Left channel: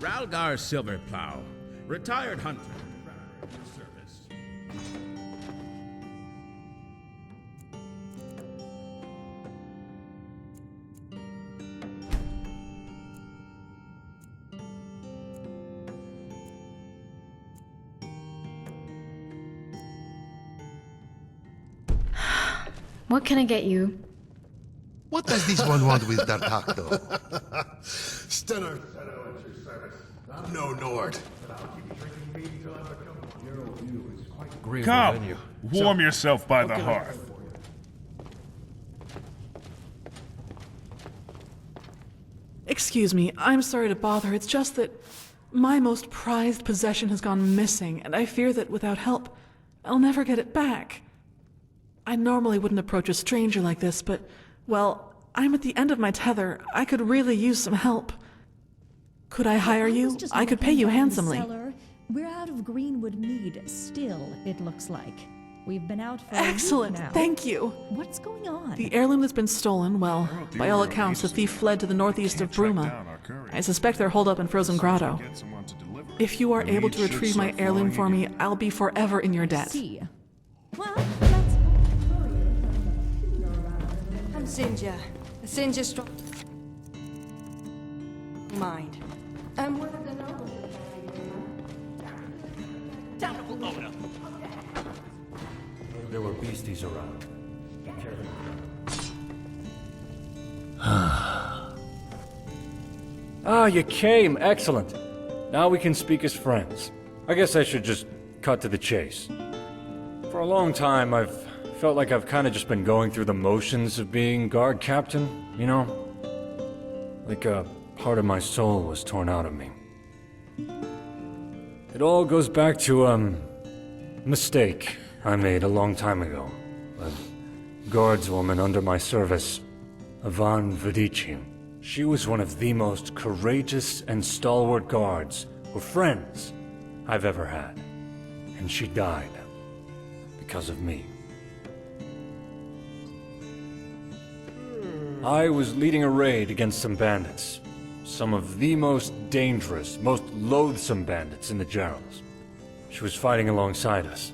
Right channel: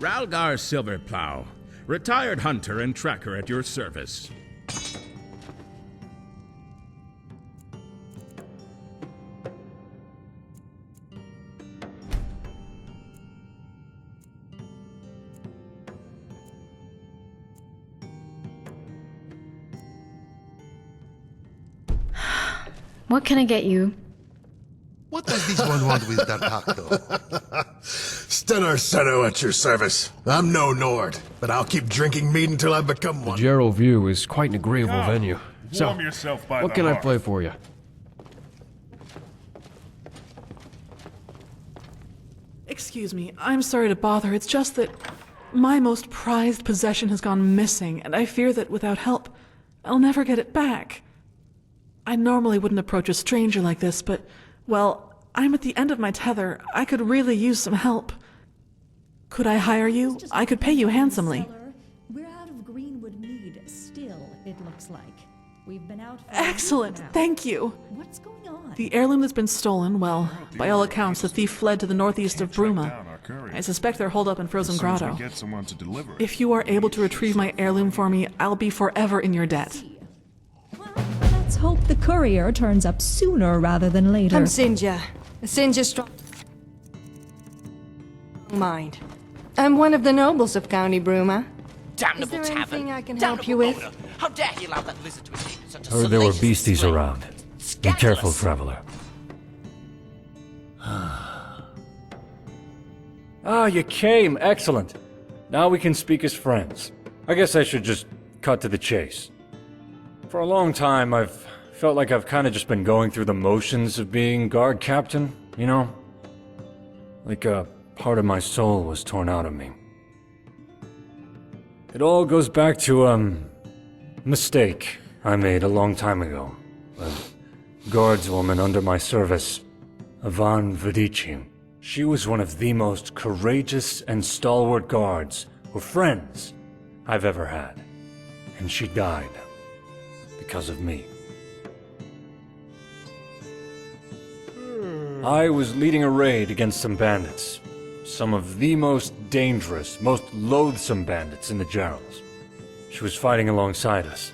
Ralgar Silverplow, retired hunter and tracker at your service. What can I get you? What does this one want with that though? Stennar Seno at your service. I'm no Nord, but I'll keep drinking mead until I become one. Gerald View is quite an agreeable venue. Warm yourself by the What can I hearth. play for you? Excuse me, I'm sorry to bother. It's just that my most prized possession has gone missing, and I fear that without help, I'll never get it back. I normally wouldn't approach a stranger like this, but, well, I'm at the end of my tether. I could really use some help. Could I hire you? I could pay you handsomely. We're out of Greenwood mead still, it looks like. We've been out for Excellent, a week now. thank you. What's going on? The heirloom that's been stolen, well, by all accounts, the thief fled to the northeast of Bruma. I suspect they're holed up in Frozen Grotto. If you are able to retrieve my heirloom for me, I'll be forever in your debt. Well, let's hope the courier turns up sooner rather than later. I'm Sinja. Sinja strong mind. I'm one of the nobles of County Bruma. Damnable tavern! I can help you with? How dare you allow that visit to escape in such a Heard there were salacious beasties way? around. Be careful, traveler. Ah, you came. Excellent. Now we can speak as friends. I guess I should just cut to the chase. For a long time, I've felt like I've kind of just been going through the motions of being guard captain, you know? Like a part of my soul was torn out of me. It all goes back to, mistake I made a long time ago. A guardswoman under my service, Avant Vedici. She was one of the most courageous and stalwart guards, or friends, I've ever had. And she died. Because of me. I was leading a raid against some bandits. Some of the most dangerous, most loathsome bandits in the Geralds. She was fighting alongside us.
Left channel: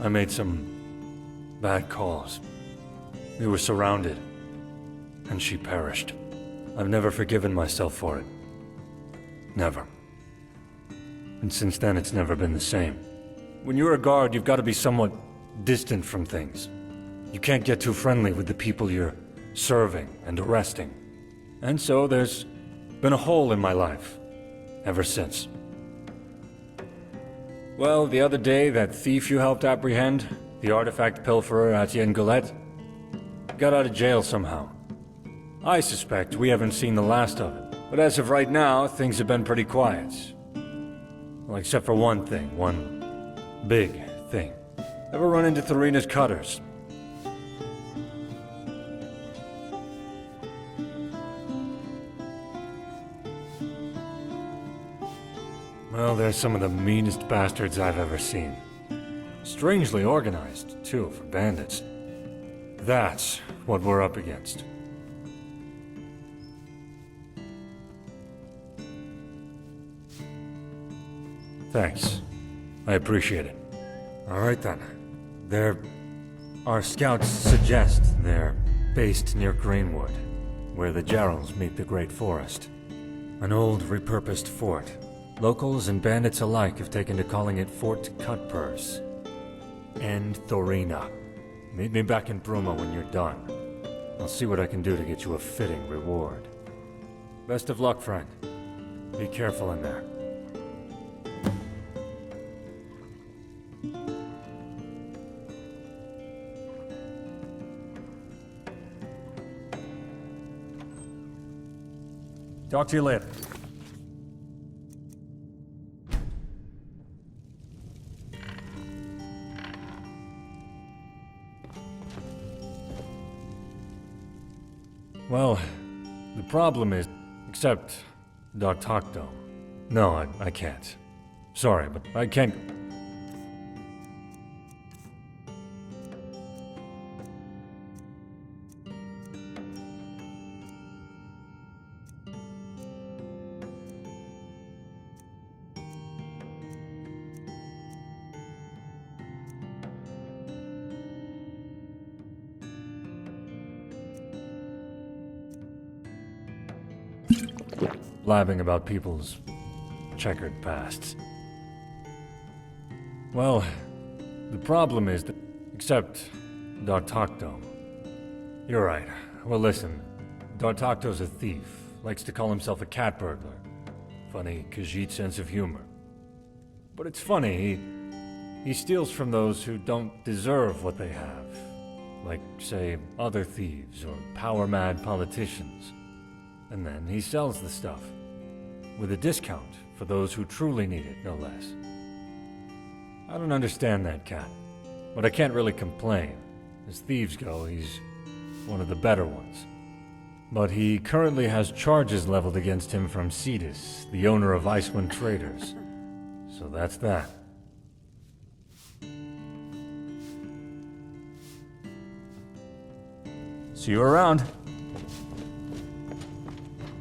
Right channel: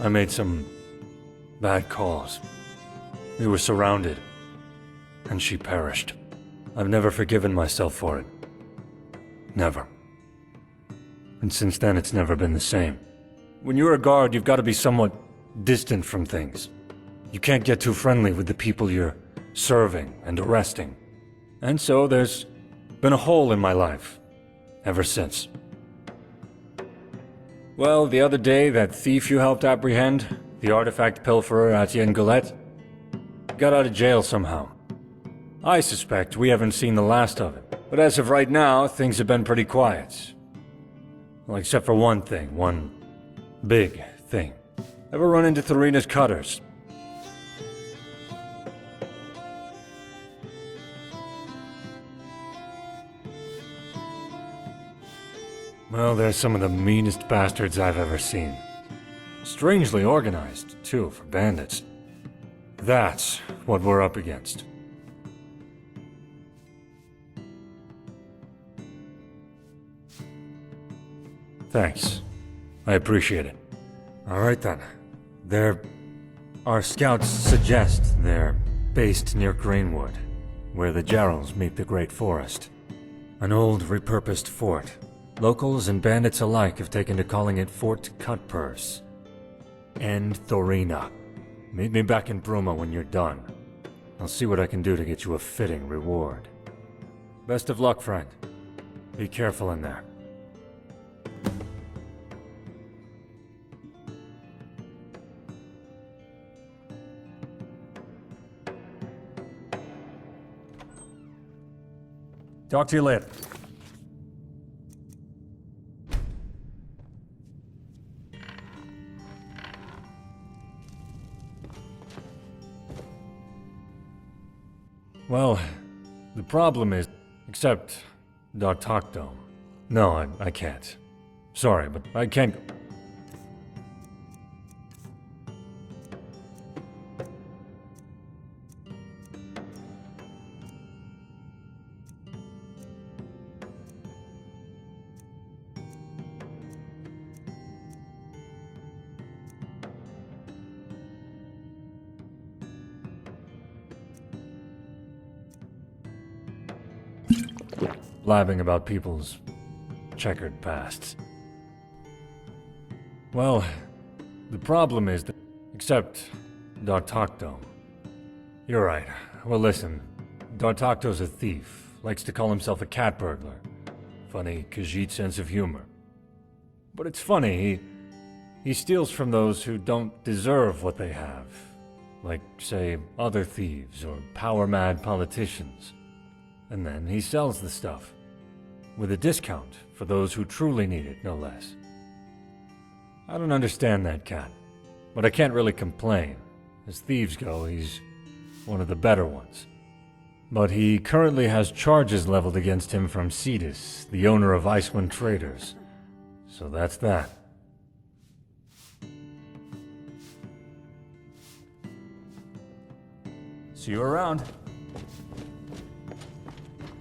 I made some bad calls. We were surrounded, and she perished. I've never forgiven myself for it. Never. And since then, it's never been the same. When you're a guard, you've got to be somewhat distant from things. You can't get too friendly with the people you're serving and arresting. And so there's been a hole in my life ever since. Well, the other day, that thief you helped apprehend, the artifact pilferer Etienne Goulet, got out of jail somehow. I suspect we haven't seen the last of it. But as of right now, things have been pretty quiet. Well, except for one thing, one big thing. Ever run into Thorina's cutters? Well, they're some of the meanest bastards I've ever seen. Strangely organized, too, for bandits. That's what we're up against. Thanks. I appreciate it. All right then. Our scouts suggest they're based near Greenwood, where the Geralds meet the Great Forest. An old, repurposed fort. Locals and bandits alike have taken to calling it Fort Cutpurse. And Thorina. Meet me back in Bruma when you're done. I'll see what I can do to get you a fitting reward. Best of luck, friend. Be careful in there. Talk to you later. Well, the problem is Except Dartocto. No, I can't. Sorry, but I can't... blabbing about people's checkered pasts. Well, the problem is that... Except Dartocto. You're right. Well, listen. Dartocto's a thief. Likes to call himself a cat burglar. Funny Khajiit sense of humor. But it's funny, he steals from those who don't deserve what they have. Like, say, other thieves or power-mad politicians. And then he sells the stuff. With a discount for those who truly need it, no less. I don't understand that cat, but I can't really complain. As thieves go, he's one of the better ones. But he currently has charges leveled against him from Cetus, the owner of Icewind Traders. So that's that. See you around.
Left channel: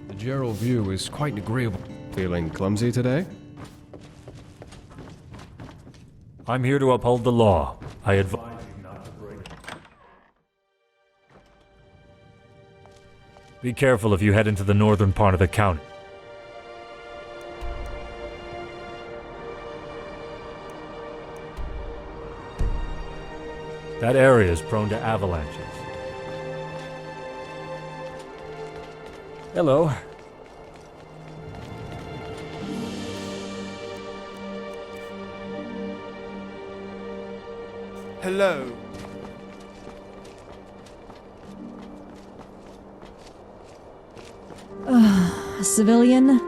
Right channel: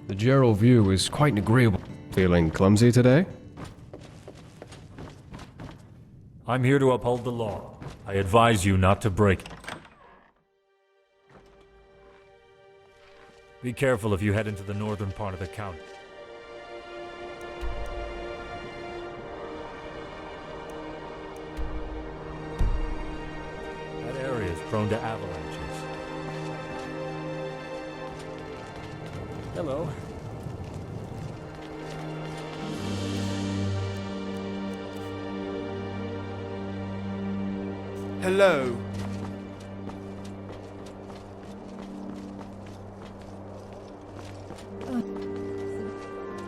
The general view is quite agreeable. Feeling clumsy today? I'm here to uphold the law. I advise you not to break it. Be careful if you head into the northern part of the county. That area is prone to avalanches. Hello. Hello. A civilian?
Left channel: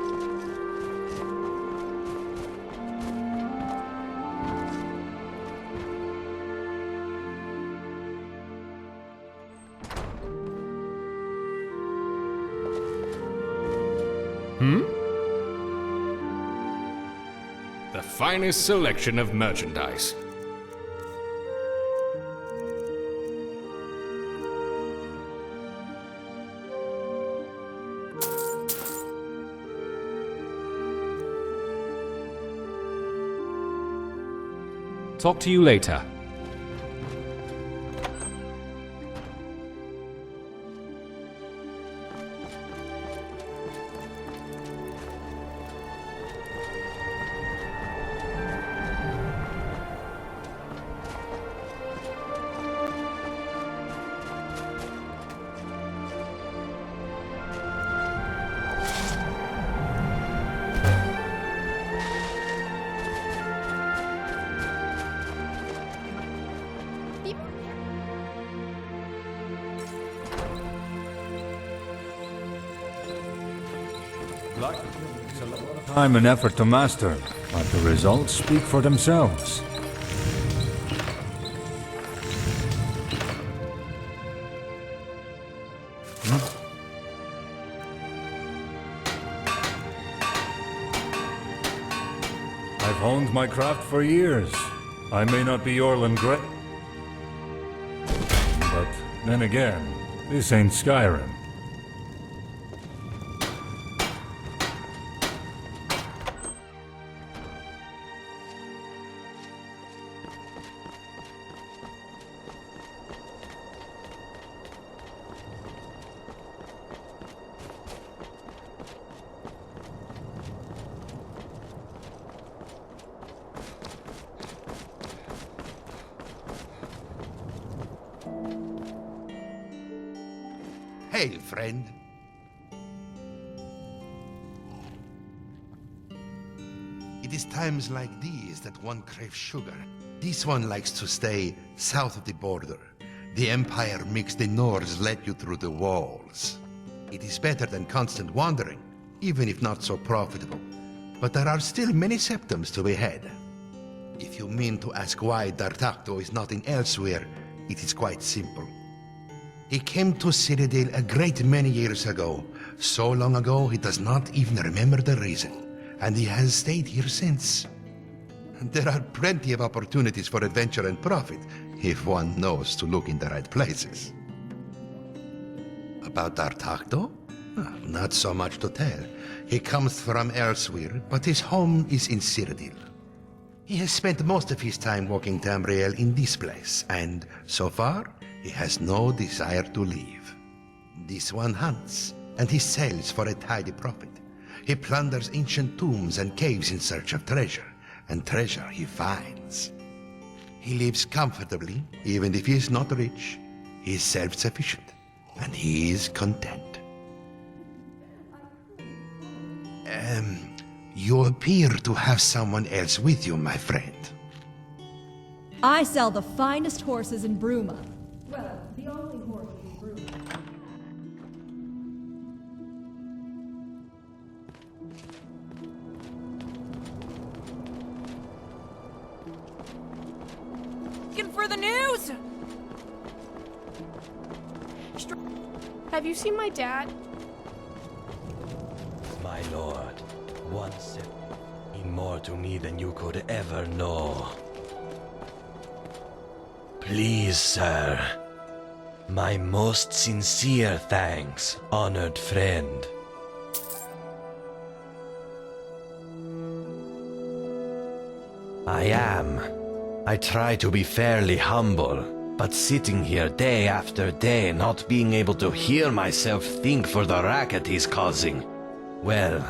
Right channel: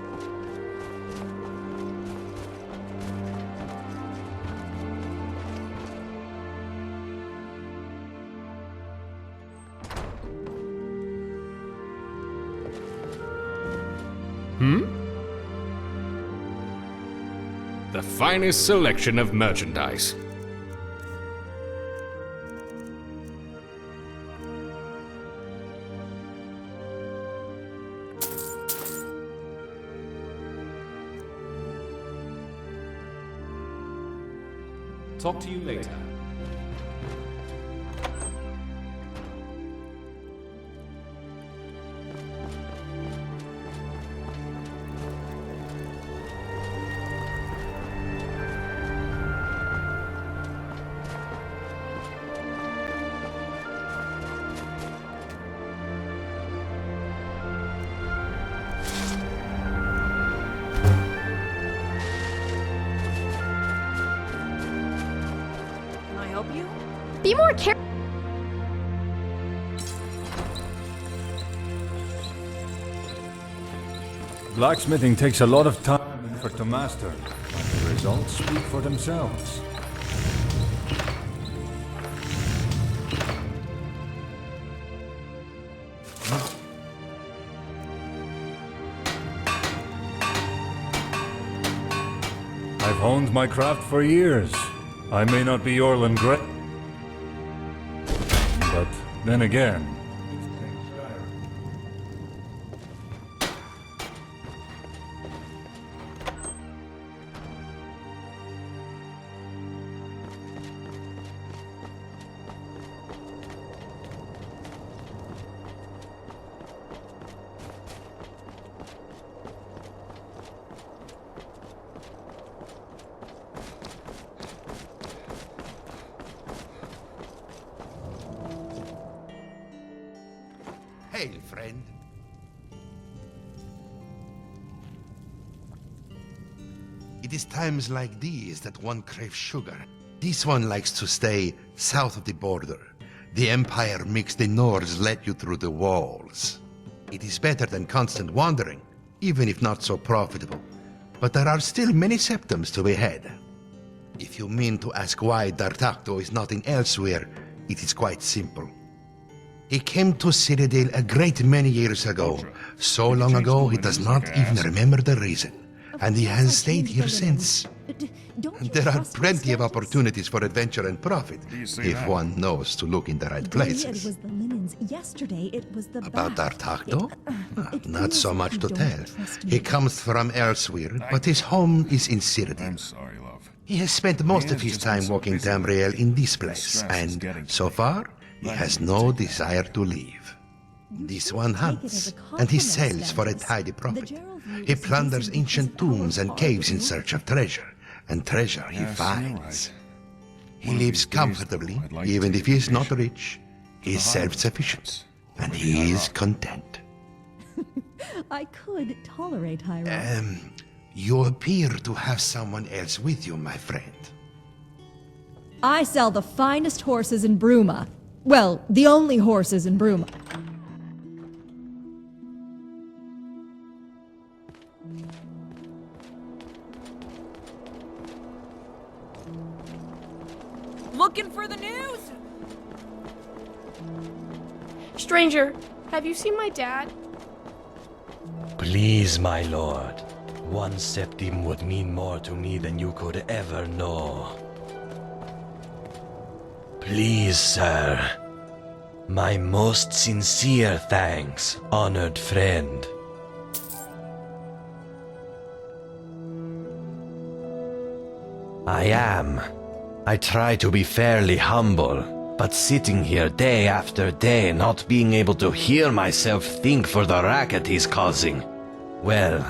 The finest selection of merchandise. Talk to you later. Be more careful. Blacksmithing takes a lot of time and effort to master, but the results speak for themselves. I've honed my craft for years. I may not be Orlin Gray, but then again, this ain't Skyrim. Hail, friend. It is times like these that one craves sugar. This one likes to stay south of the border. The Empire makes the Nords let you through the walls. It is better than constant wandering, even if not so profitable. But there are still many septums to be had. If you mean to ask why Dartocto is not in elsewhere, it is quite simple. He came to Citadel a great many years ago. So long ago, he does not even remember the reason. And he has stayed here since. There are plenty of opportunities for adventure and profit, if one knows to look in the right places. About D'Artagnan? Not so much to tell. He comes from elsewhere, but his home is in Citadel. He has spent most of his time walking Tamriel in this place, and so far, he has no desire to leave. This one hunts, and he sells for a tidy profit. He plunders ancient tombs and caves in search of treasure, and treasure he finds. He lives comfortably, even if he is not rich. He is self-sufficient, and he is content. I could tolerate high. You appear to have someone else with you, my friend. I sell the finest horses in Bruma. Well, the only horses in Bruma. Looking for the news? Stranger, have you seen my dad? Please, my lord. 1 septim would mean more to me than you could ever know. Please, sir. My most sincere thanks, honored friend. I try to be fairly humble, but sitting here day after day, not being able to hear myself think for the racket he's causing, well,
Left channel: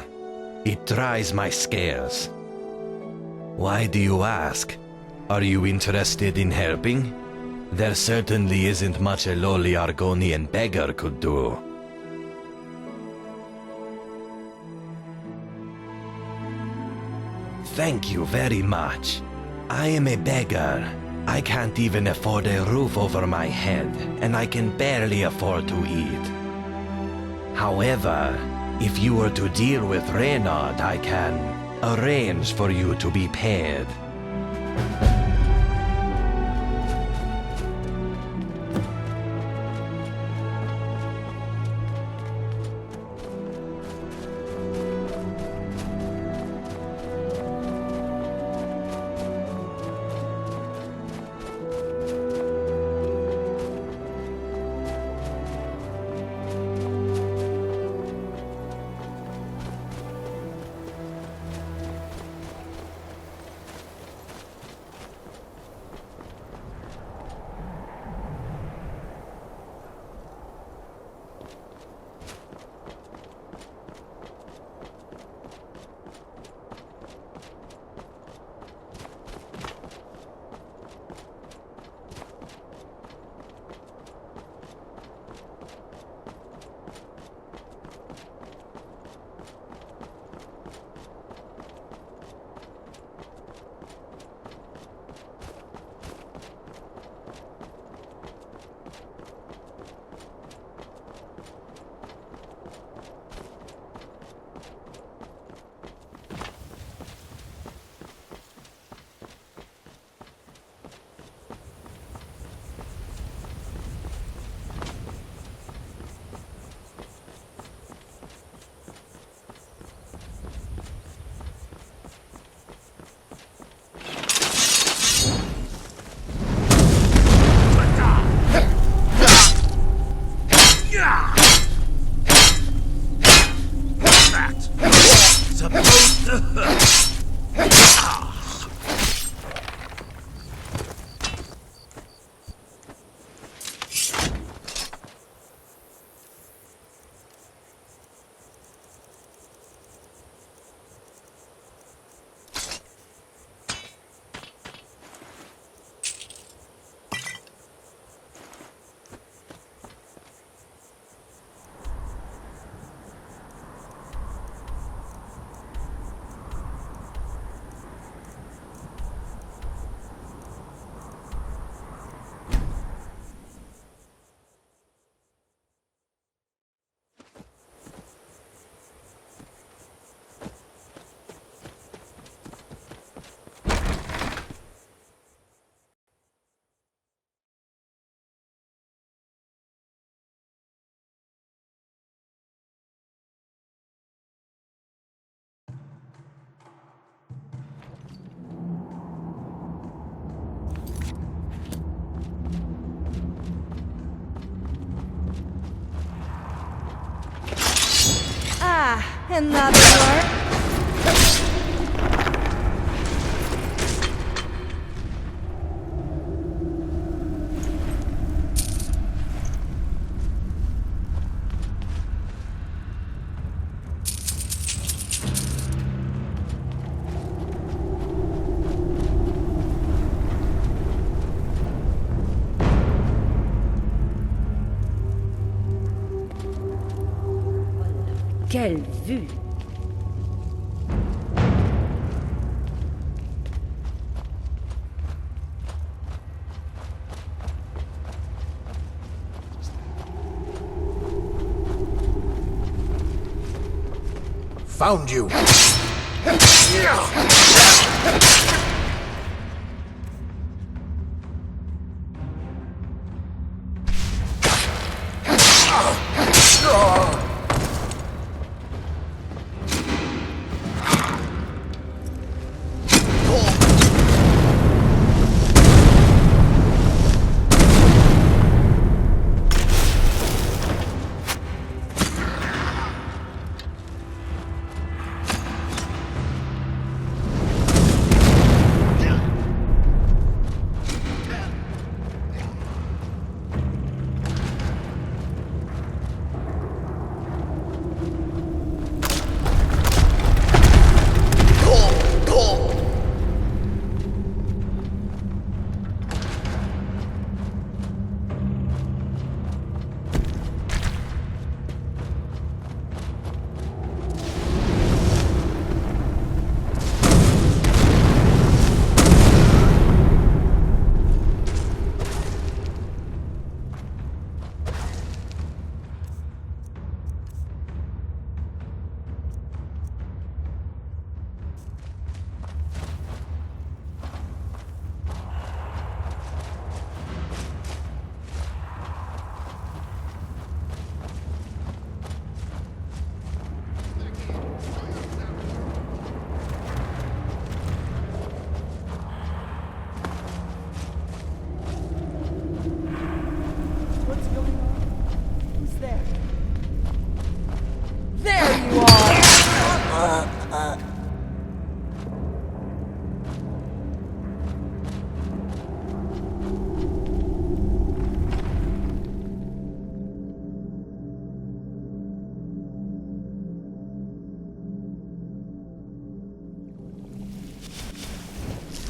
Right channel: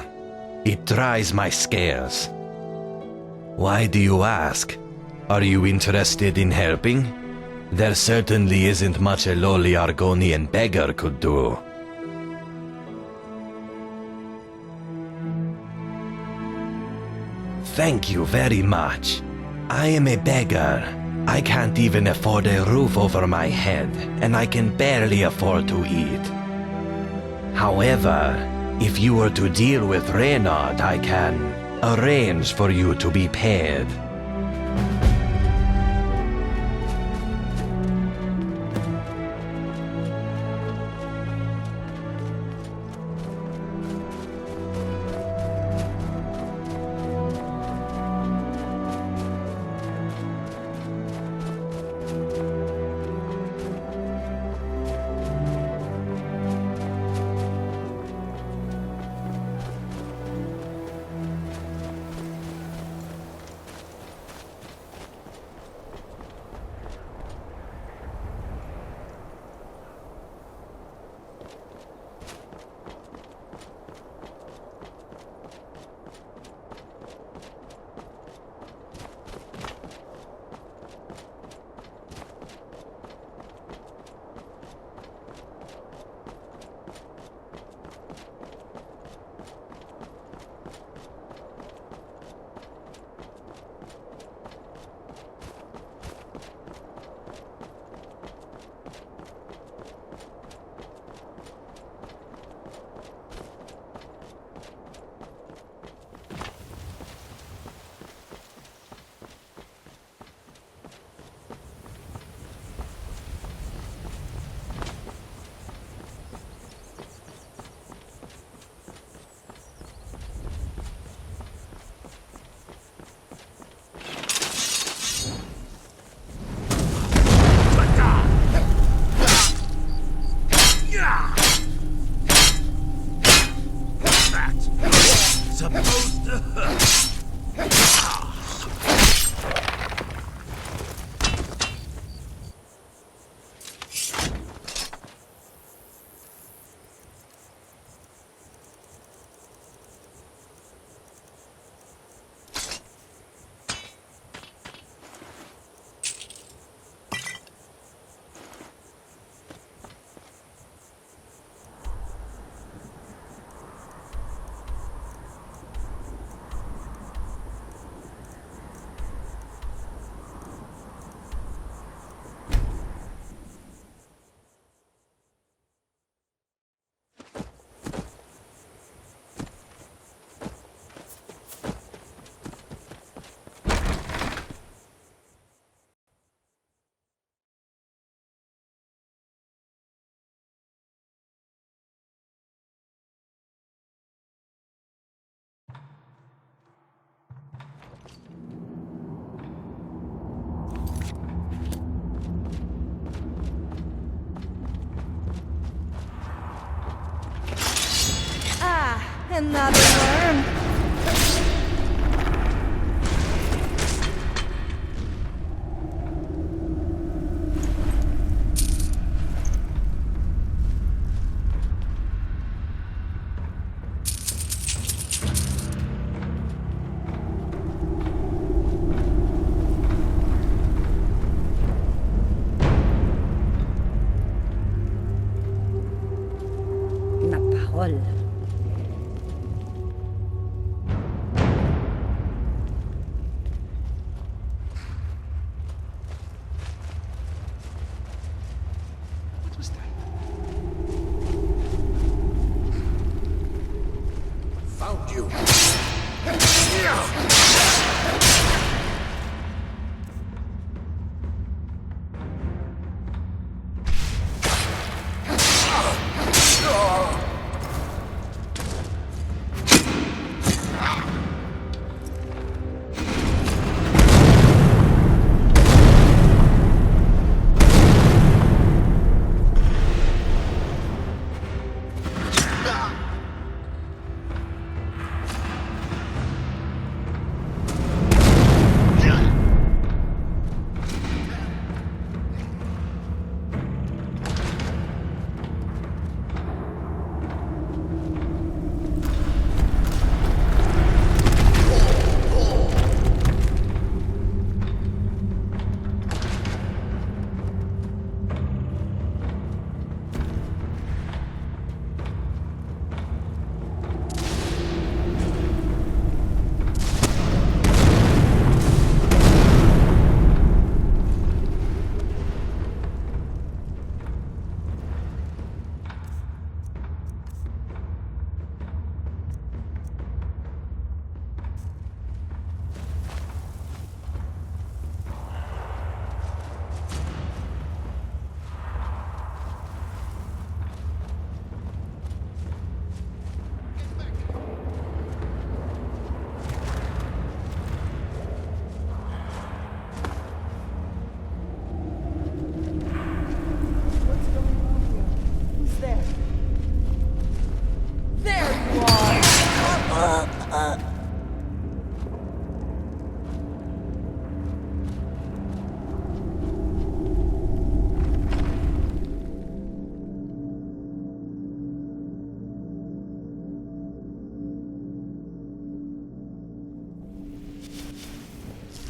it tries my scales. Why do you ask? Are you interested in helping? There certainly isn't much a lowly Argonian beggar could do. Thank you very much. I am a beggar. I can't even afford a roof over my head, and I can barely afford to eat. However, if you were to deal with Reynard, I can arrange for you to be paid. Ah, another worm. Quelle vue! Found you!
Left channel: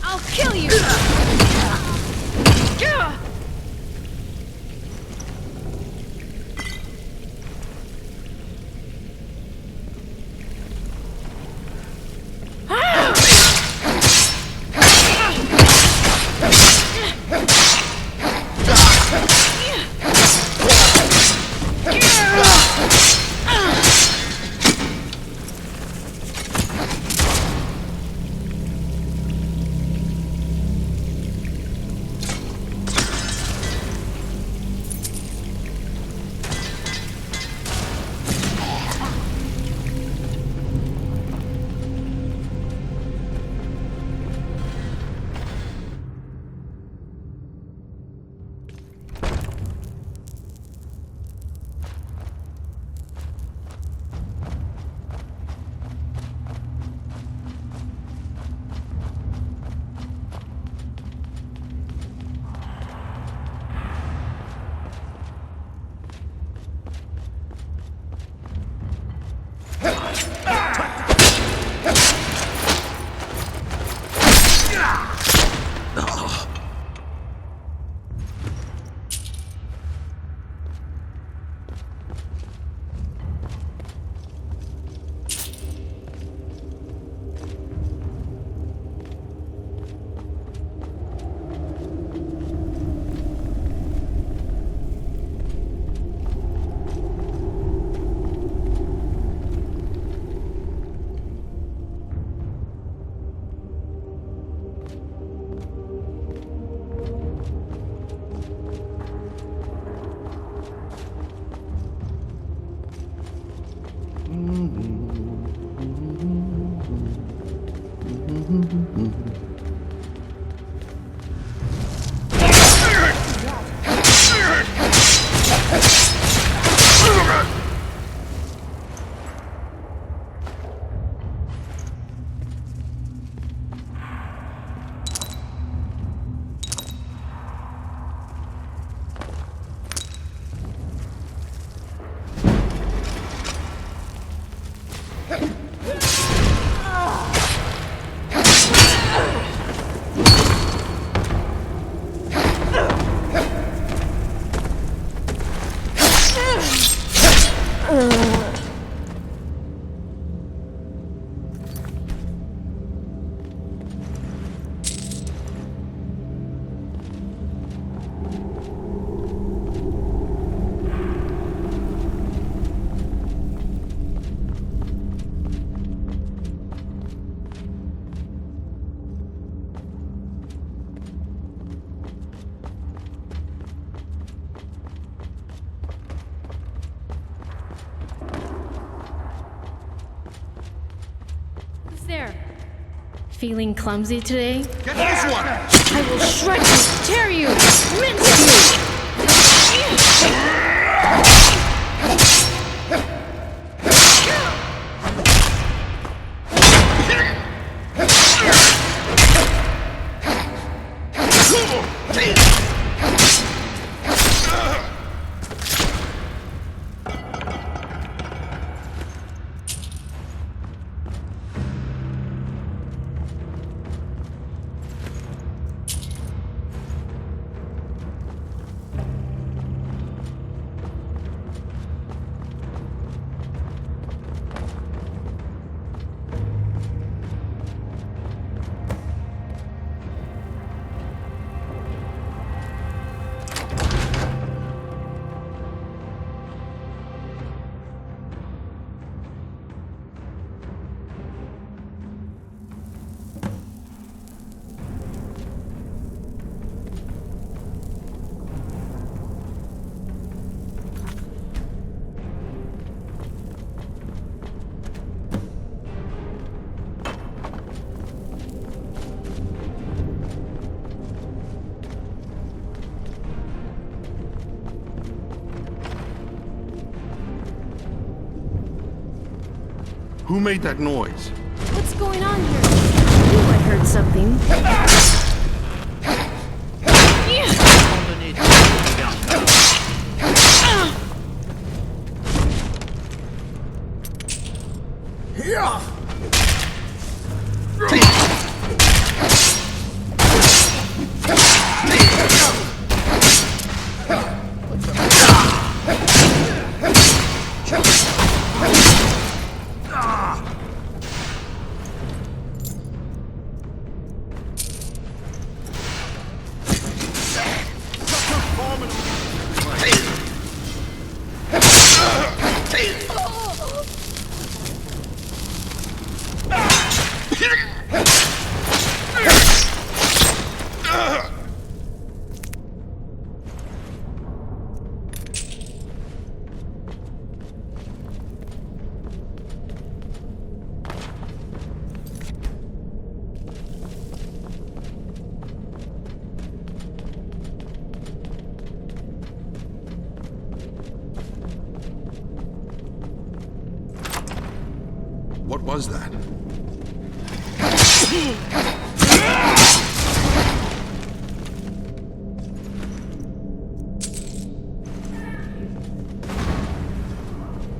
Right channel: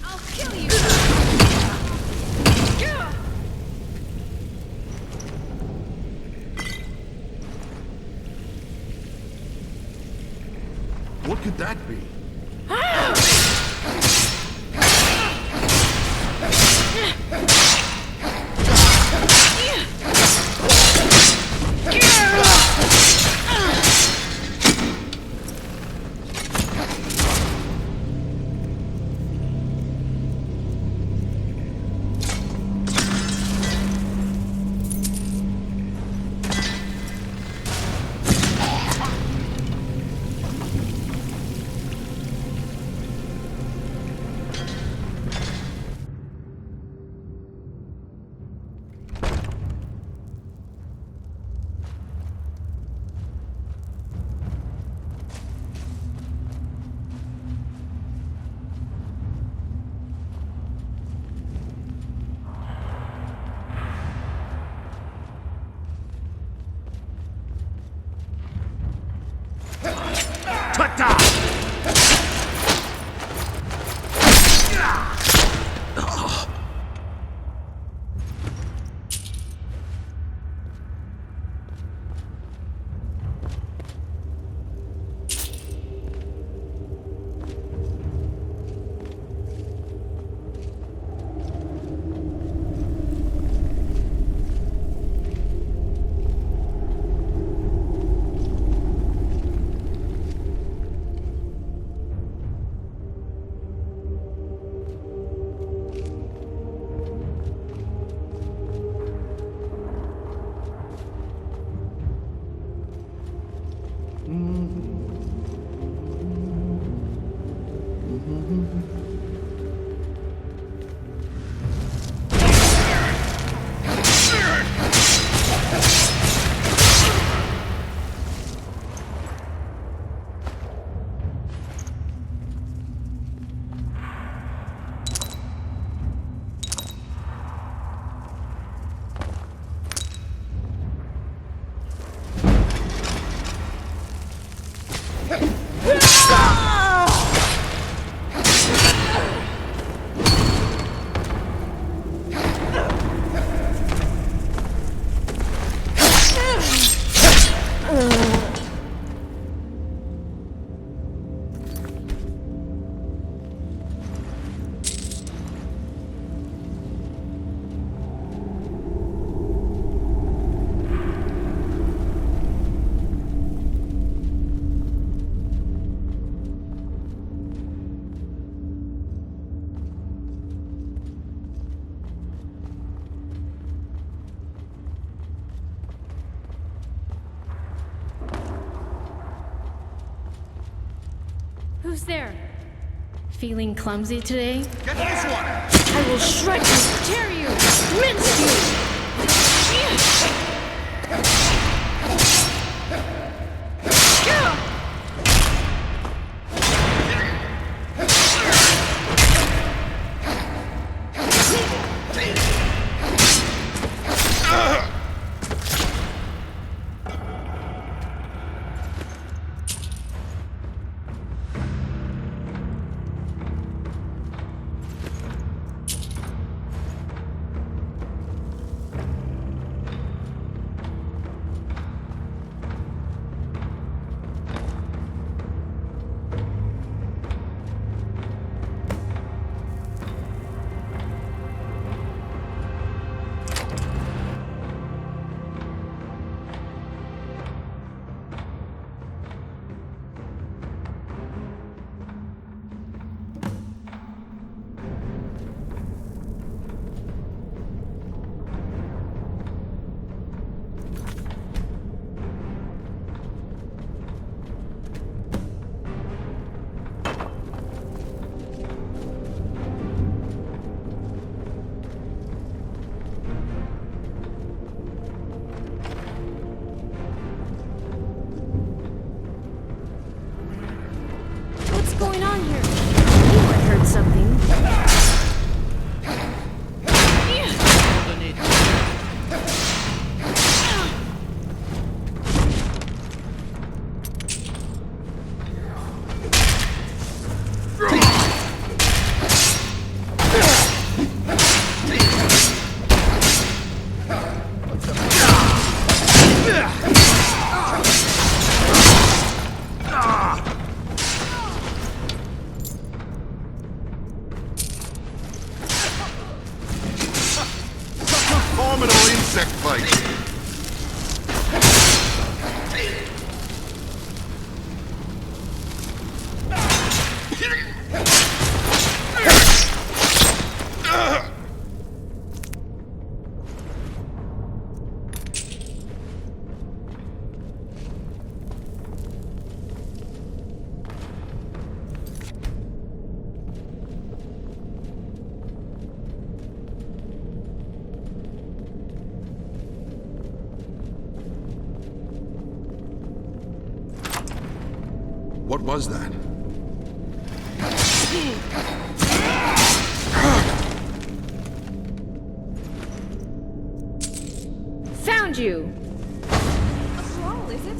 I'll kill you! What could that be? Who's there? Feeling clumsy today? Get this one! I will shred you, tear you, mince you! Who made that noise? What's going on here? I knew I heard something. Formidable insect bite! What was that? Found you! What's wrong, is it?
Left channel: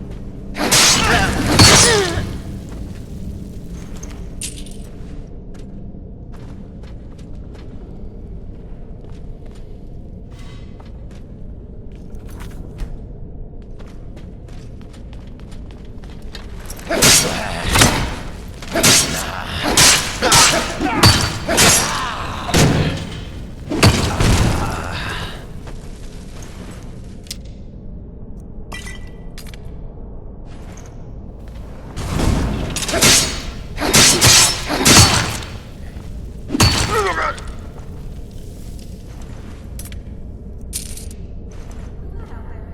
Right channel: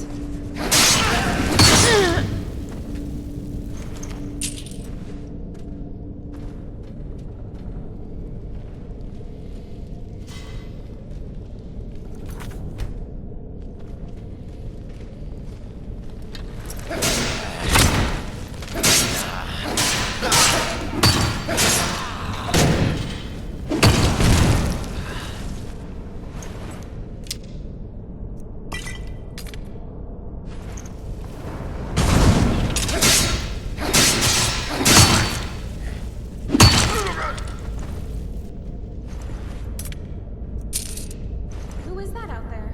Who is that out there?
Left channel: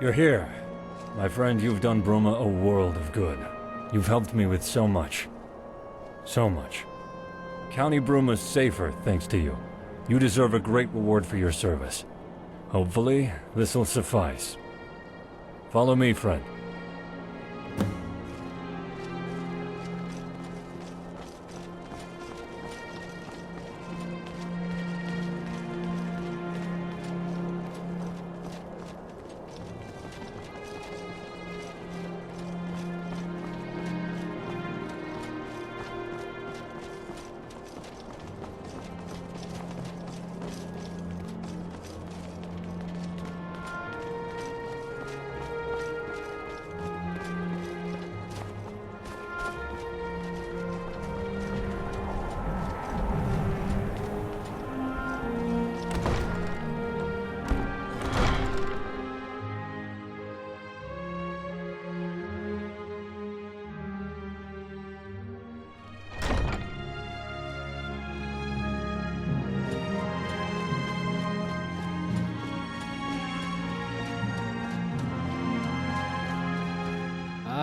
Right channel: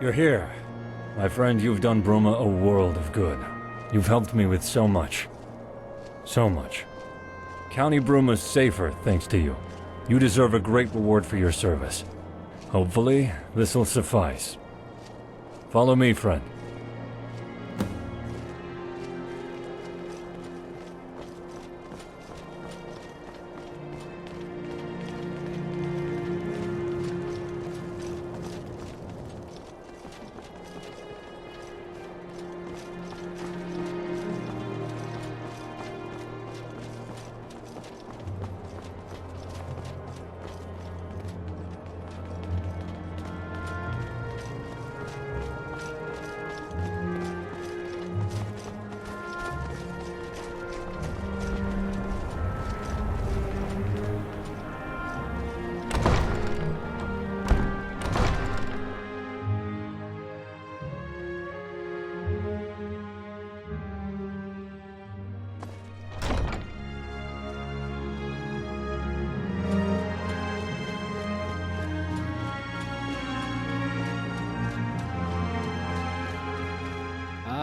You're here. My friend, you've done Bruma a world of good. You've helped me with so much. So much. County Bruma's safer thanks to you. You deserve a great reward for your service. Hopefully, this'll suffice. Follow me, friend.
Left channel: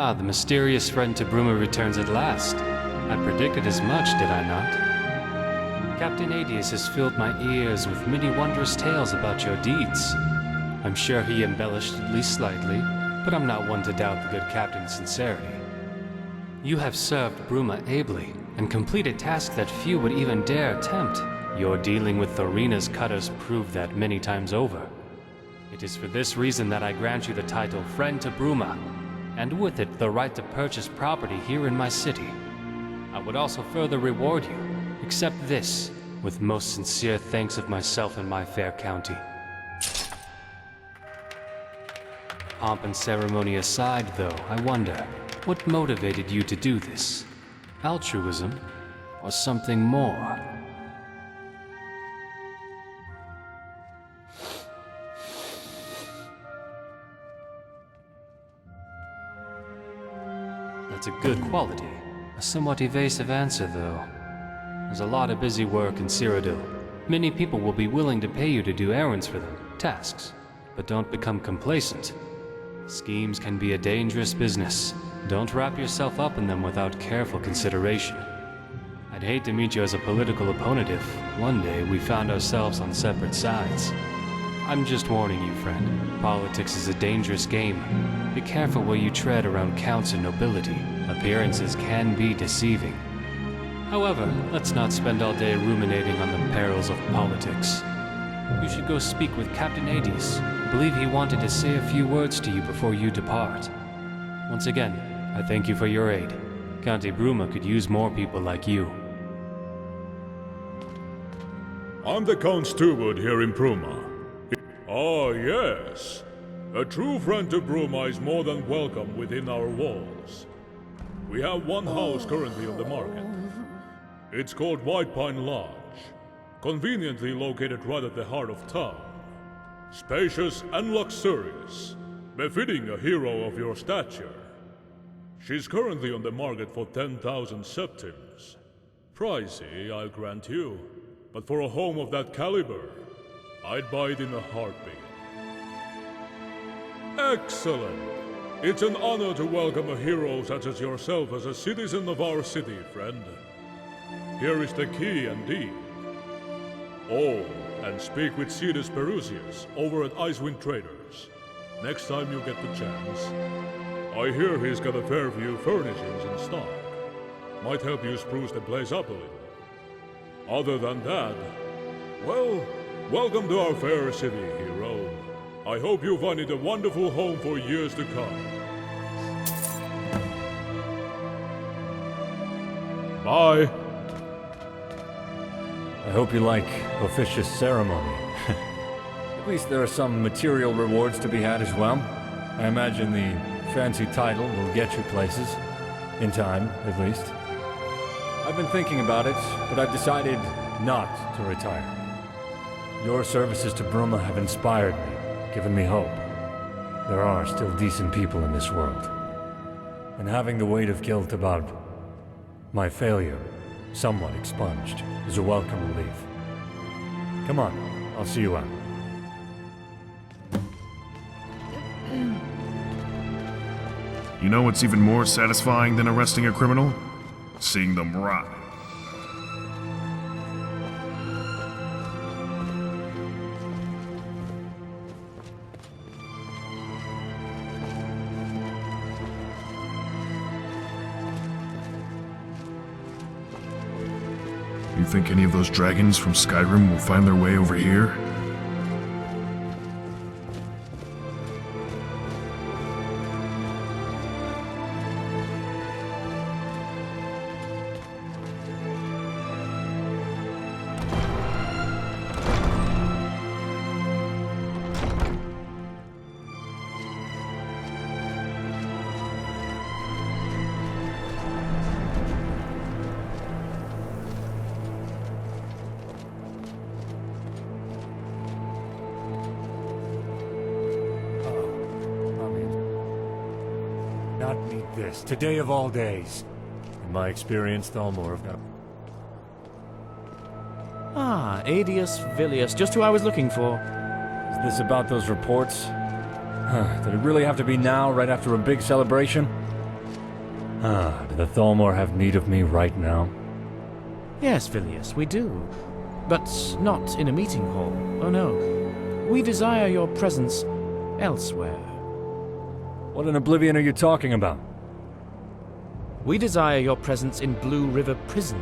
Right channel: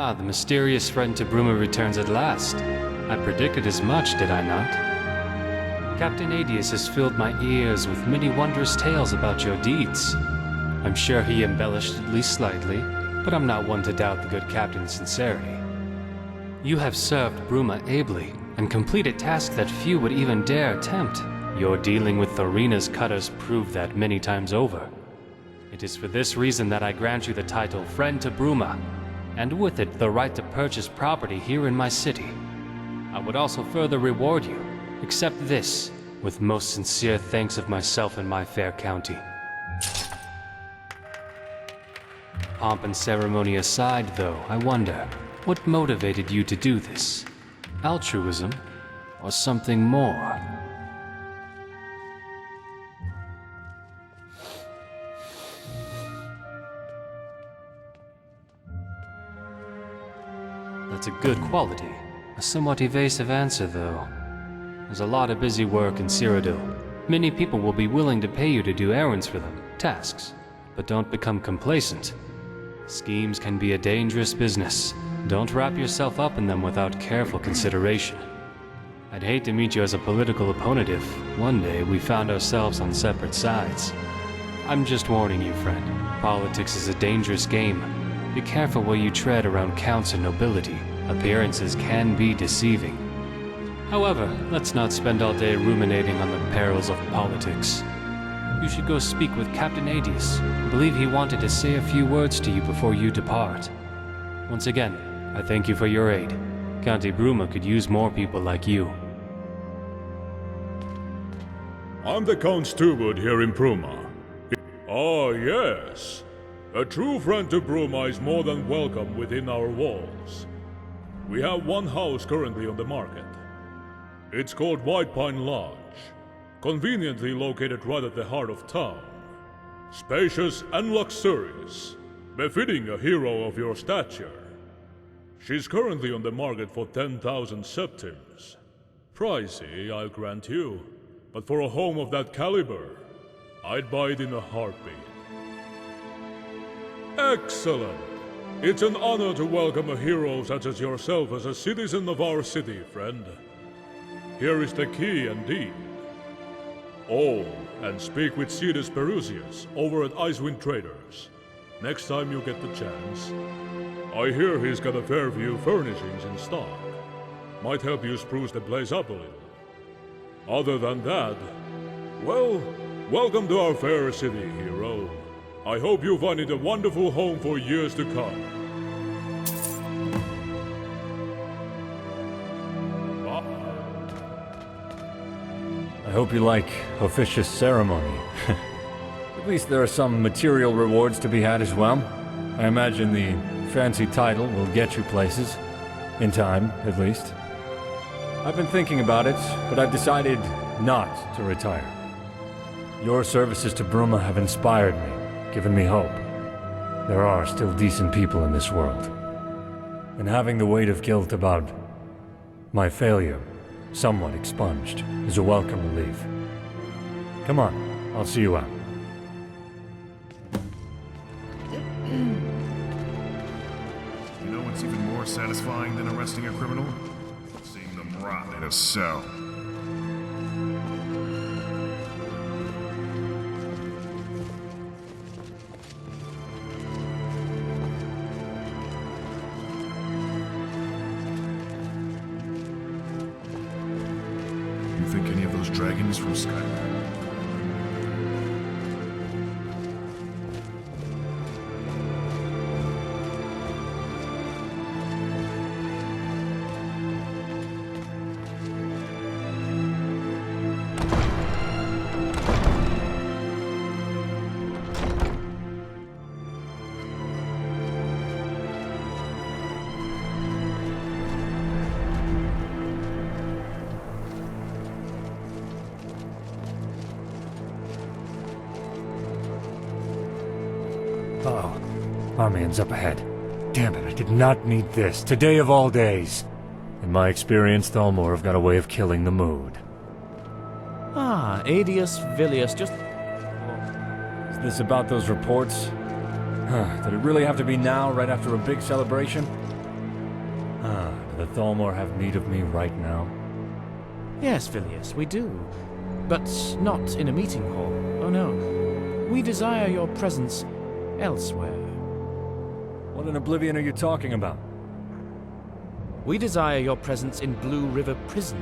Ah, the mysterious friend to Bruma returns at last. I predicted as much, did I not? Captain Adius has filled my ears with many wondrous tales about your deeds. I'm sure he embellished at least slightly, but I'm not one to doubt the good captain's sincerity. You have served Bruma ably, and completed tasks that few would even dare attempt. Your dealing with Thorina's cutters proved that many times over. It is for this reason that I grant you the title Friend to Bruma, and with it the right to purchase property here in my city. I would also further reward you. Accept this, with most sincere thanks of myself and my fair county. Pomp and ceremony aside, though, I wonder, what motivated you to do this? Altruism, or something more? That's a good quality. A somewhat evasive answer, though. There's a lot of busy work in Cyrodiil. Many people will be willing to pay you to do errands for them, tasks. But don't become complacent. Schemes can be a dangerous business. Don't wrap yourself up in them without careful consideration. I'd hate to meet you as a political opponent if, one day, we found ourselves on separate sides. I'm just warning you, friend. Politics is a dangerous game. Be careful where you tread around counts and nobility. Appearances can be deceiving. However, let's not spend all day ruminating on the perils of politics. You should go speak with Captain Adius. I believe he wanted to say a few words to you before you depart. Once again, I thank you for your aid. County Bruma could use more people like you. I'm the Count Steward here in Bruma. Ah, yes. A true friend to Bruma is more than welcome within our walls. We have one house currently on the market. It's called White Pine Lodge, conveniently located right at the heart of town. Spacious and luxurious, befitting a hero of your stature. She's currently on the market for 10,000 septims. Pricey, I'll grant you, but for a home of that caliber, I'd buy it in a heartbeat. Excellent! It's an honor to welcome a hero such as yourself as a citizen of our city, friend. Here is the key and deed. Oh, and speak with Cetus Perusius over at Icewind Traders. Next time you get the chance. I hear he's got a fair few furnishings in stock. Might help you spruce the place up a little. Other than that, well, welcome to our fair city, hero. I hope you find it a wonderful home for years to come. Bye. I hope you like officious ceremony. At least there are some material rewards to be had as well. I imagine the fancy title will get you places. In time, at least. I've been thinking about it, but I've decided not to retire. Your services to Bruma have inspired me, given me hope. There are still decent people in this world. And having the weight of guilt about my failure somewhat expunged is a welcome relief. Come on, I'll see you out. You know what's even more satisfying than arresting a criminal? Seeing them rot in a cell. You think any of those dragons from Skyrim will find their way over here? Our man's up ahead. Damn it, I did not need this. Today of all days. In my experience, Thalmor have got a way of killing the mood. Ah, Adius Villius, just who I was looking for. Is this about those reports? Did it really have to be now, right after a big celebration? Do the Thalmor have need of me right now? Yes, Vilius, we do. But not in a meeting hall. Oh no. We desire your presence elsewhere. What in oblivion are you talking about? We desire your presence in Blue River Prison,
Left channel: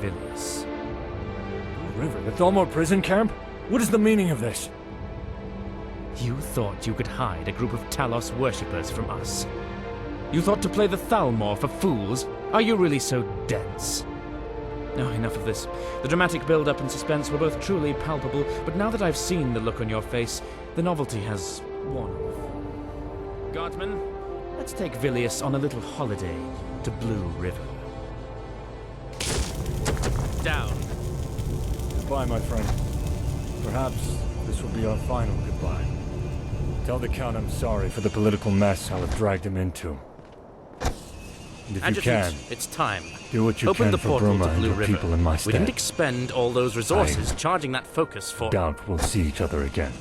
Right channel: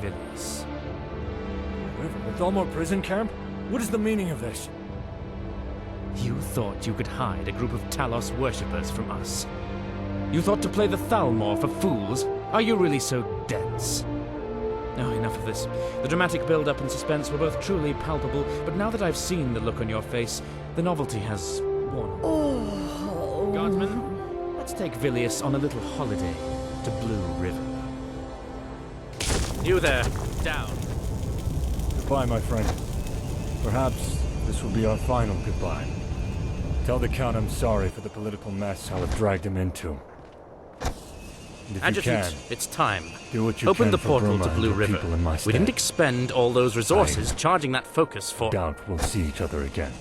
Vilius. Blue River? The Thalmor prison camp? What is the meaning of this? You thought you could hide a group of Talos worshippers from us. You thought to play the Thalmor for fools? Are you really so dense? Oh, enough of this. The dramatic build-up and suspense were both truly palpable, but now that I've seen the look on your face, the novelty has worn off. Guardsmen, let's take Vilius on a little holiday to Blue River. You there, down. Goodbye, my friend. Perhaps this will be our final goodbye. Tell the Count I'm sorry for the political mess I'll have dragged him into. And if Adjutant, you can, it's time. do what you Open can the for portal Bruma to and Blue your River. people in my We stead. didn't expend all those resources charging that focus for... Doubt we'll see each other again.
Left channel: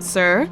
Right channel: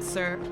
Sir?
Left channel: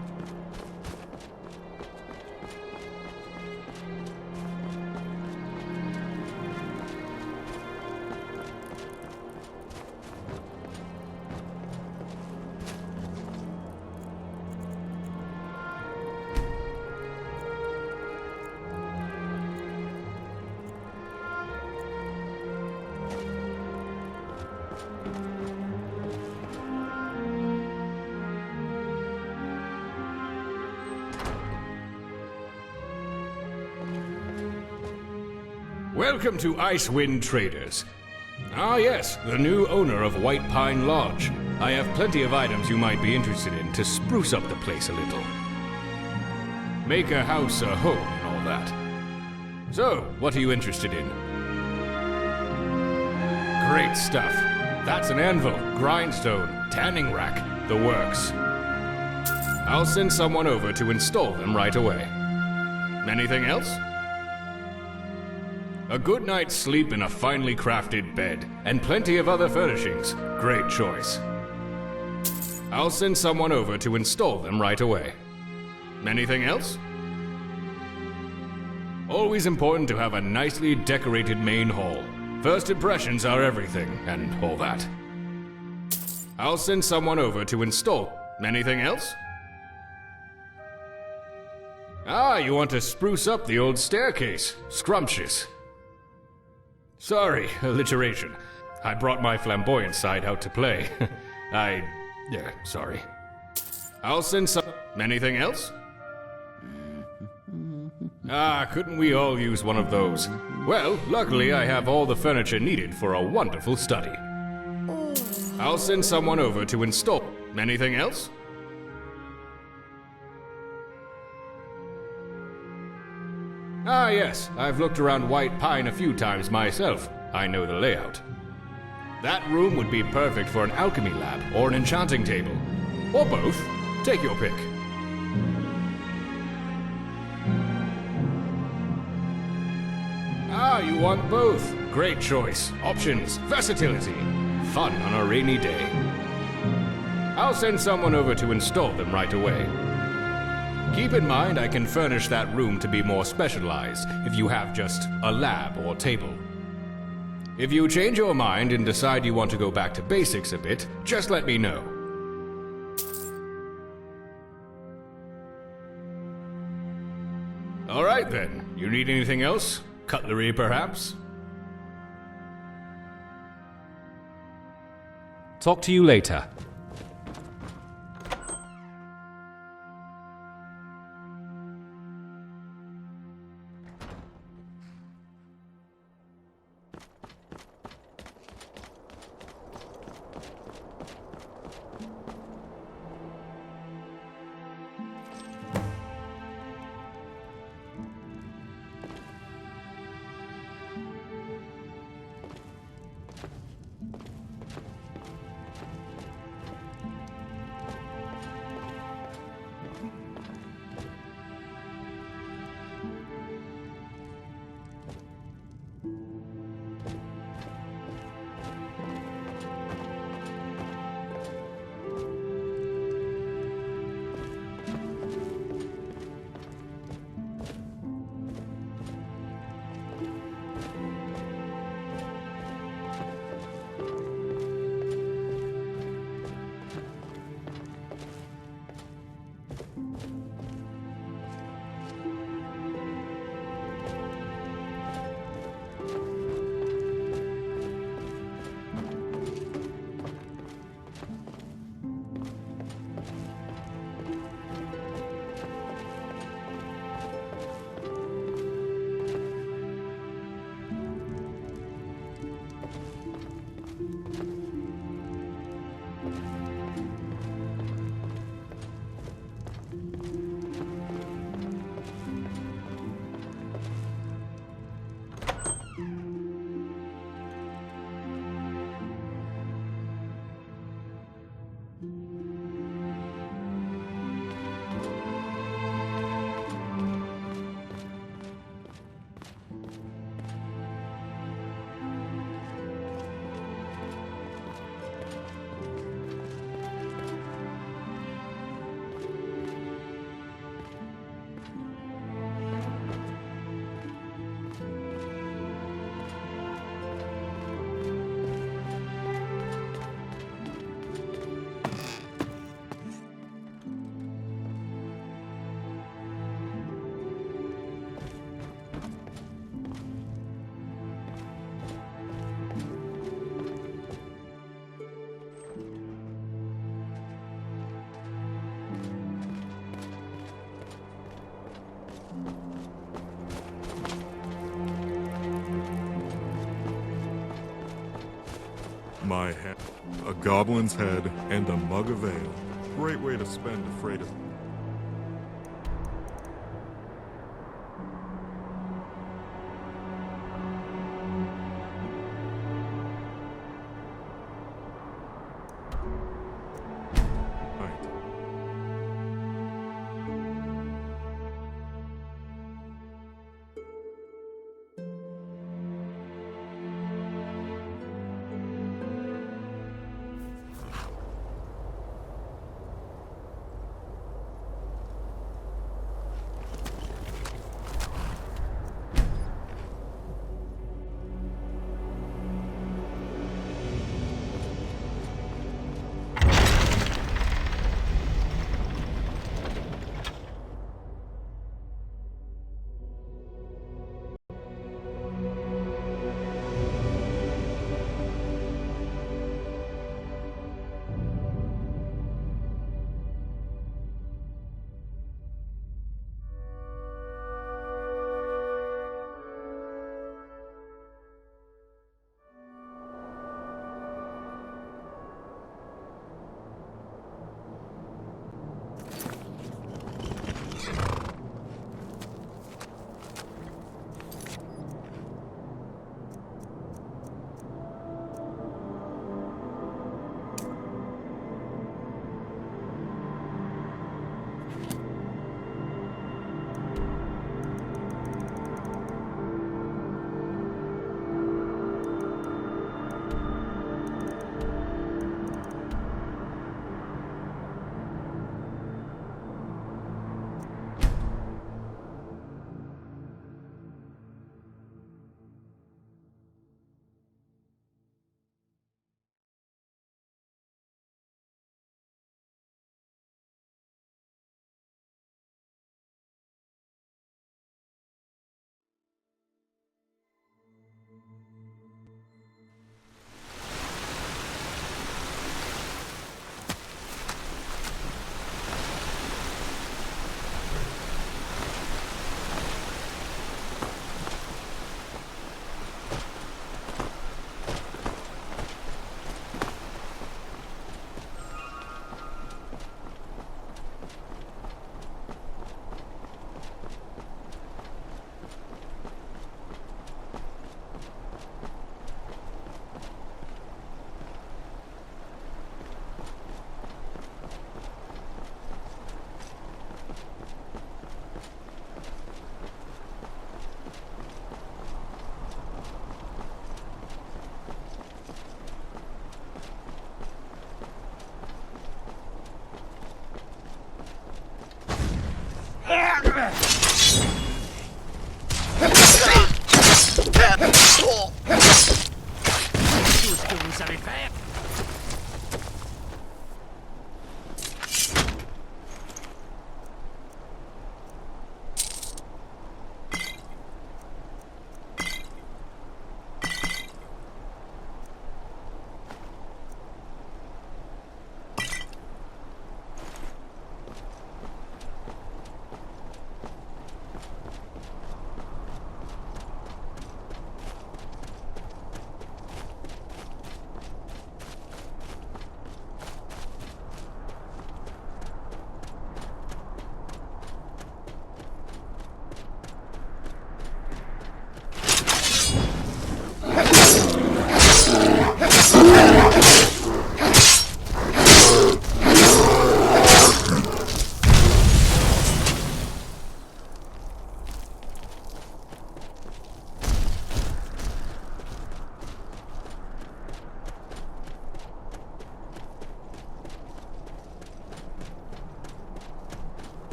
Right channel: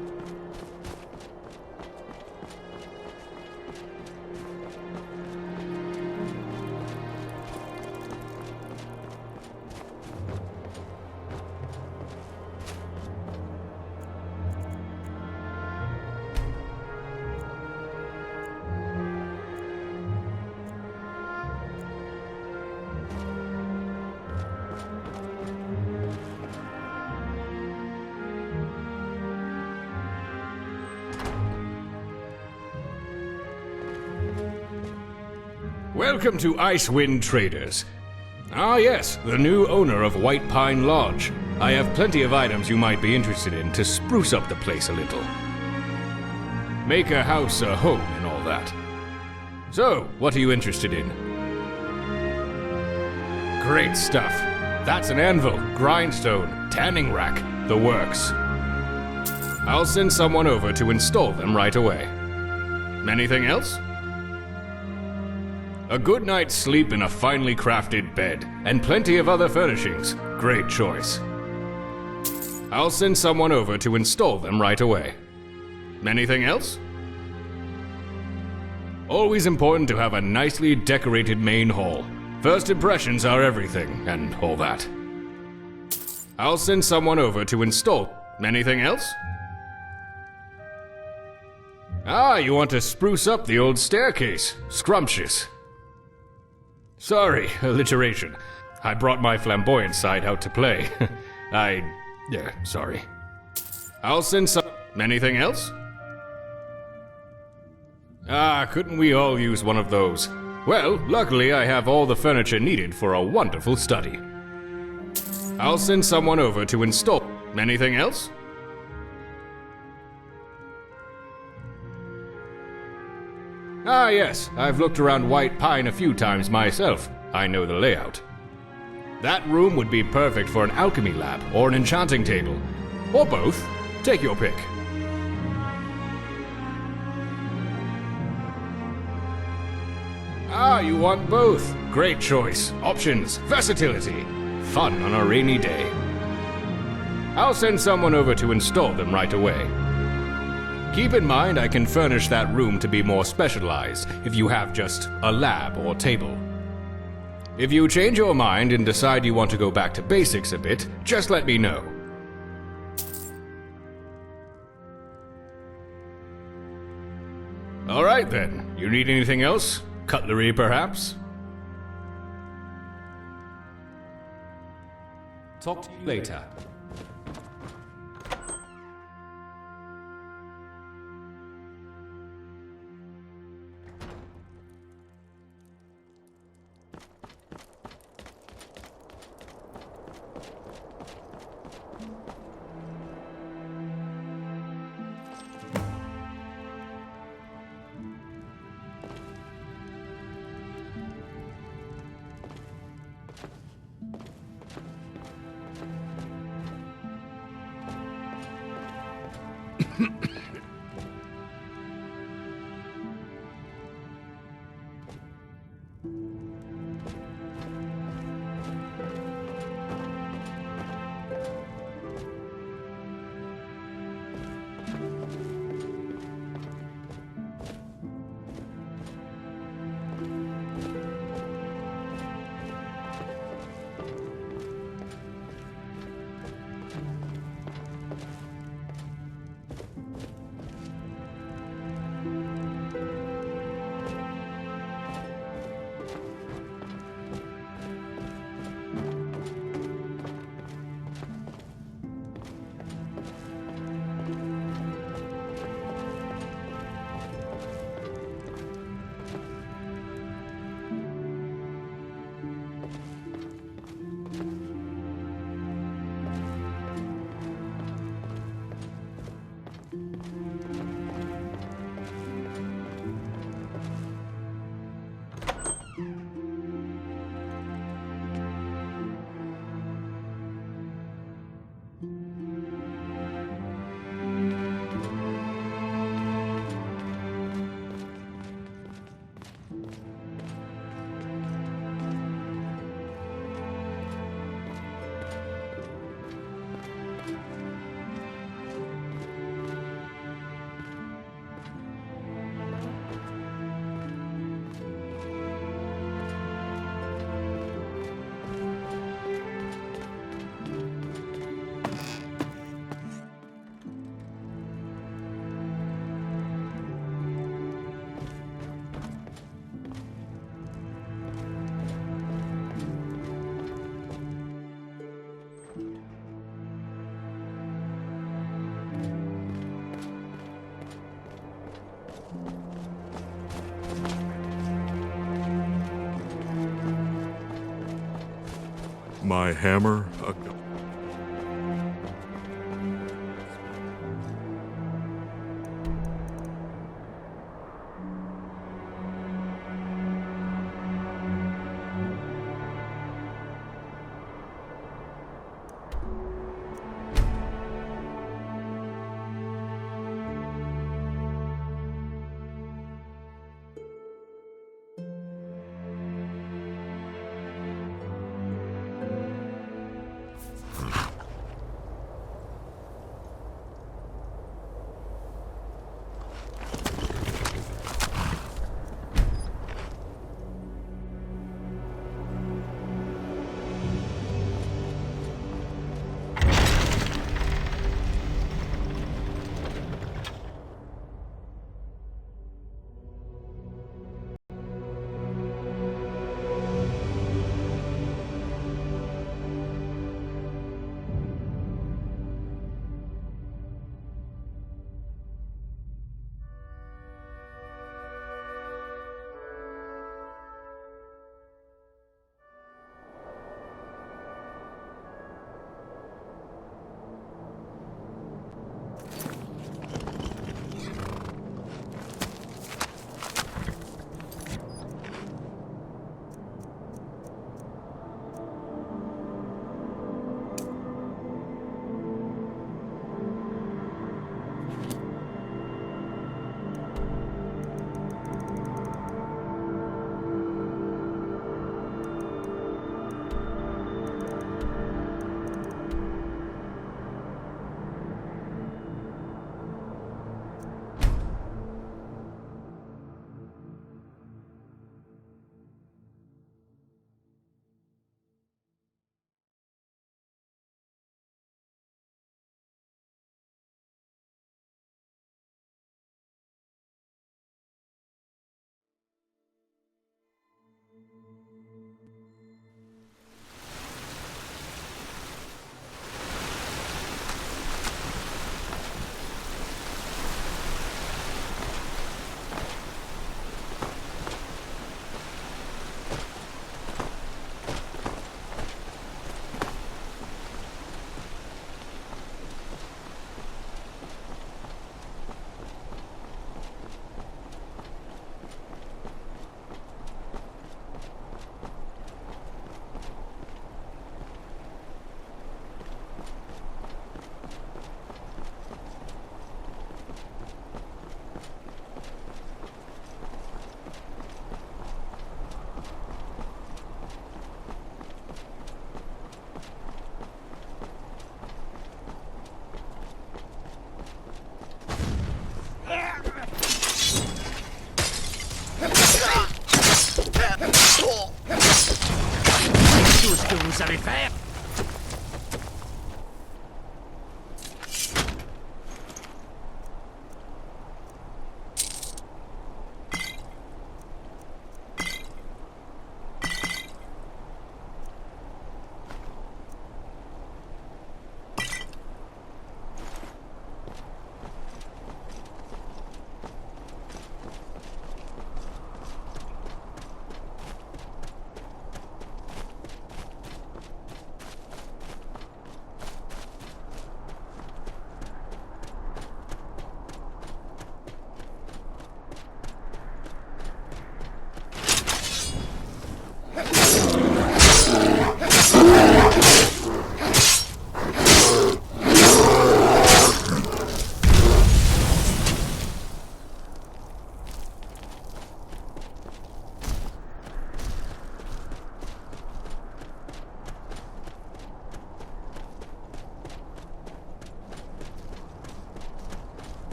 Welcome to Icewind Traders. Ah yes, the new owner of White Pine Lodge. I have plenty of items you might be interested in to spruce up the place a little. Make a house a home and all that. So, what are you interested in? Great stuff. That's an anvil, grindstone, tanning rack, the works. I'll send someone over to install them right away. Anything else? A good night's sleep in a finely crafted bed, and plenty of other furnishings. Great choice. I'll send someone over to install them right away. Anything else? Always important to have a nicely decorated main hall. First impressions are everything, and all that. I'll send someone over to install. Anything else? Ah, you want to spruce up the old staircase. Scrumptious. Sorry, alliteration. I brought my flamboyant side out to play. Sorry. I'll send some... Anything else? Ah, couldn't we all use one of those? Well, luckily I have all the furniture needed for a wonderful study. I'll send someone over to install... Anything else? Ah yes, I've looked around White Pine a few times myself. I know the layout. That room would be perfect for an alchemy lab or an enchanting table. Or both. Take your pick. Ah, you want both. Great choice. Options. Versatility. Fun on a rainy day. I'll send someone over to install them right away. Keep in mind I can furnish that room to be more specialized if you have just a lab or table. If you change your mind and decide you want to go back to basics a bit, just let me know. Alright then, you need anything else? Cutlery perhaps? Talk to you later. My hammer, a goblin's head, and a mug of ale. Great way to spend freedom. Tout ce que vous savez faire.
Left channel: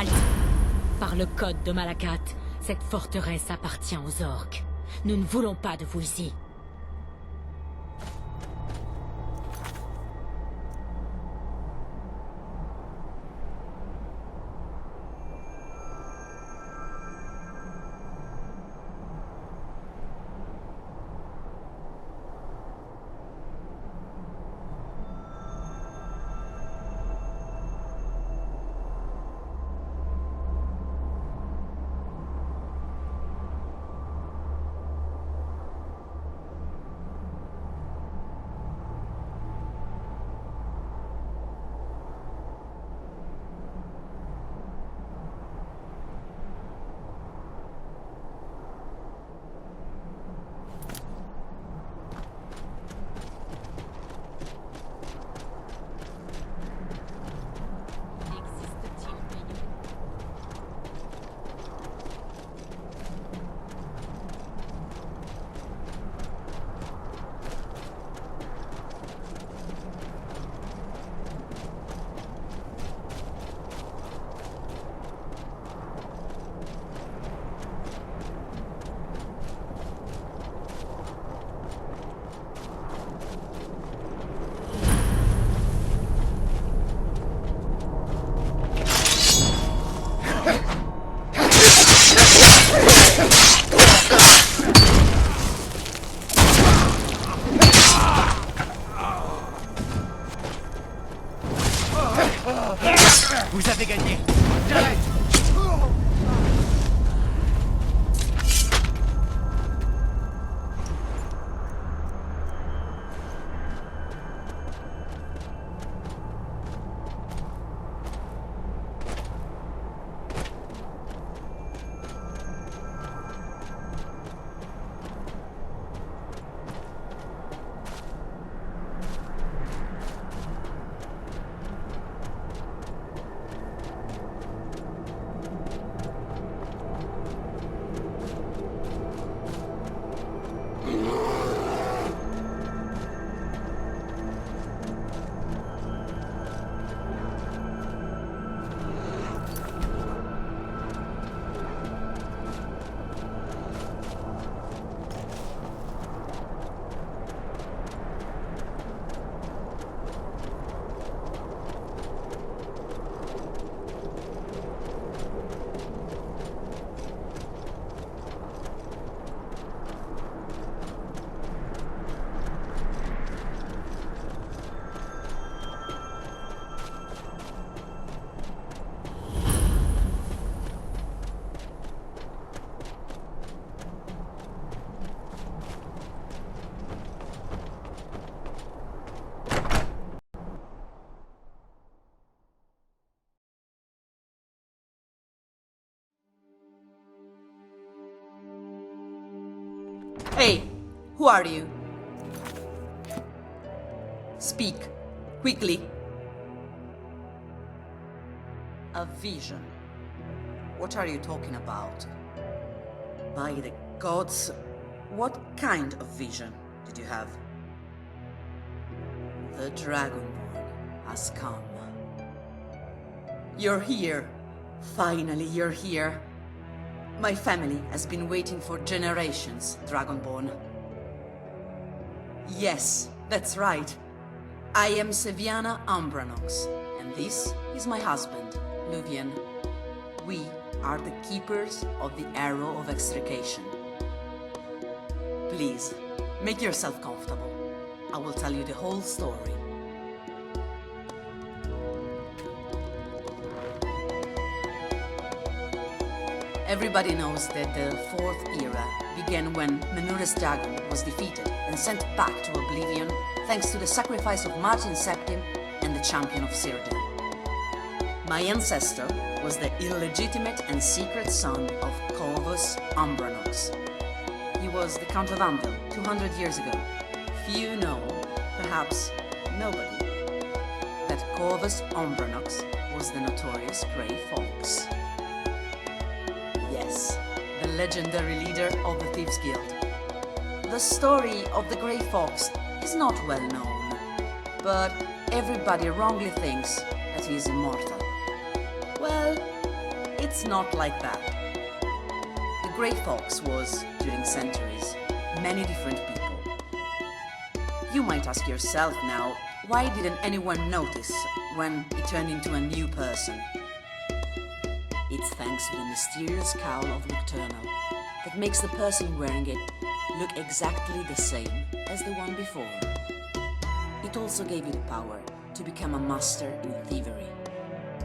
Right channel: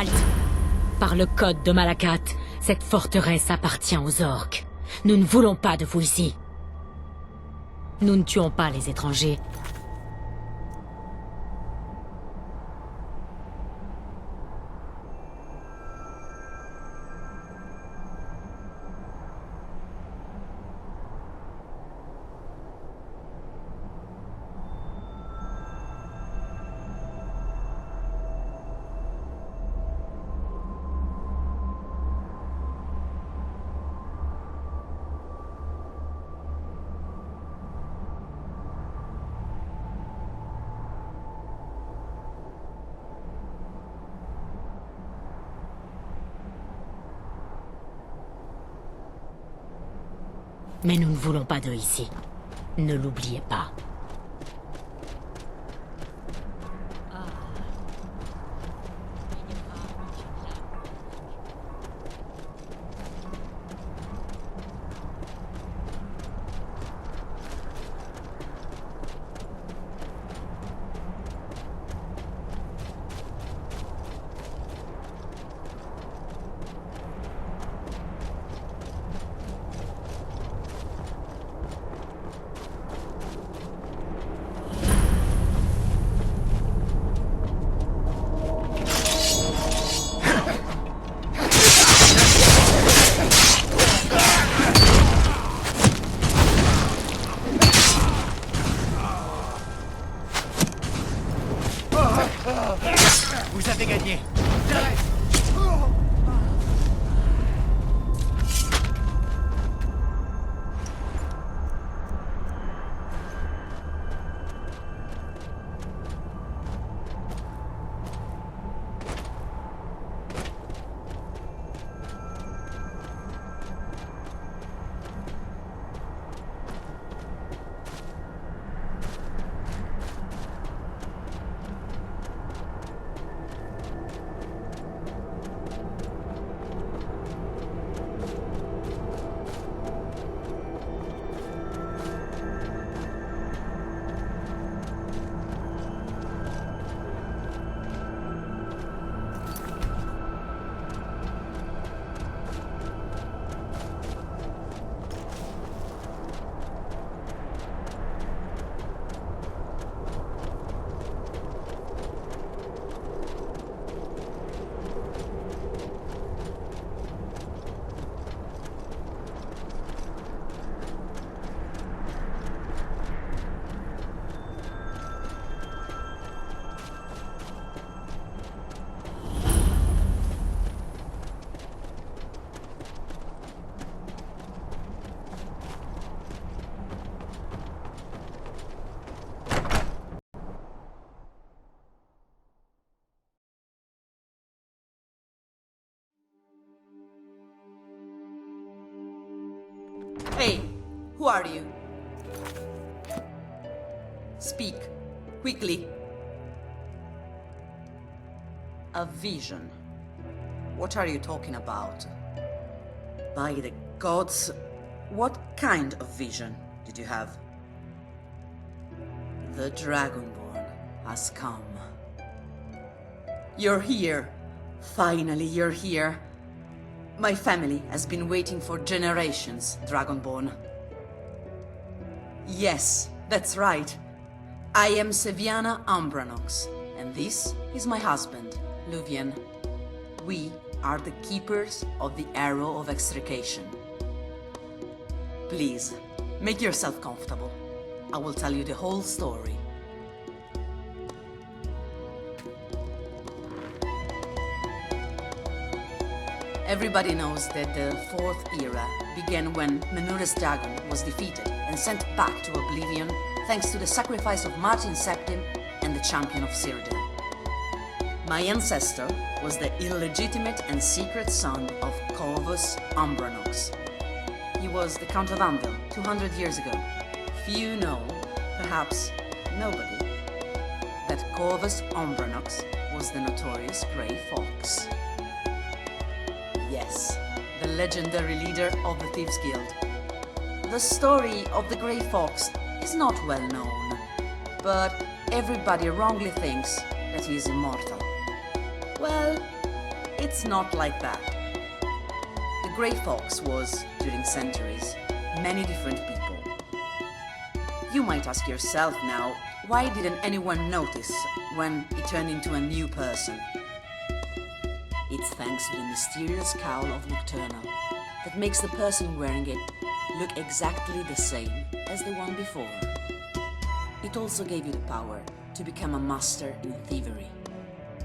Halte! Par le code de Malakat, cette forteresse appartient aux orques. Nous ne voulons pas de vous ici. Nous ne tuons pas les étrangers. Mais nous ne voulons pas d'eux ici. Ne l'oubliez pas. Vous avez gagné. J'arrête. Hey, who are you? Speak, quickly. A vision. What are you talking about? By the gods, what kind of vision did you have? The Dragonborn has come. You're here. Finally, you're here. My family has been waiting for generations, Dragonborn. Yes, that's right. I am Seviana Ambranox, and this is my husband, Luvian. We are the keepers of the Arrow of Extrication. Please, make yourself comfortable. I will tell you the whole story. Everybody knows that the Fourth Era began when Menurus Dagon was defeated and sent back to oblivion thanks to the sacrifice of Martin Septim and the Champion of Cyrodiil. My ancestor was the illegitimate and secret son of Corvus Umbranox. He was the Count of Anvil 200 years ago. Few know, perhaps nobody, that Corvus Umbranox was the notorious Grey Fox. Yes, the legendary leader of the Thieves' Guild. The story of the Grey Fox is not well known, but everybody wrongly thinks that he is immortal. Well, it's not like that. The Grey Fox was, during centuries, many different people. You might ask yourself now, why didn't anyone notice when he turned into a new person? It's thanks to the mysterious cowl of Nocturnal that makes the person wearing it look exactly the same as the one before. It also gave you the power to become a master in thievery.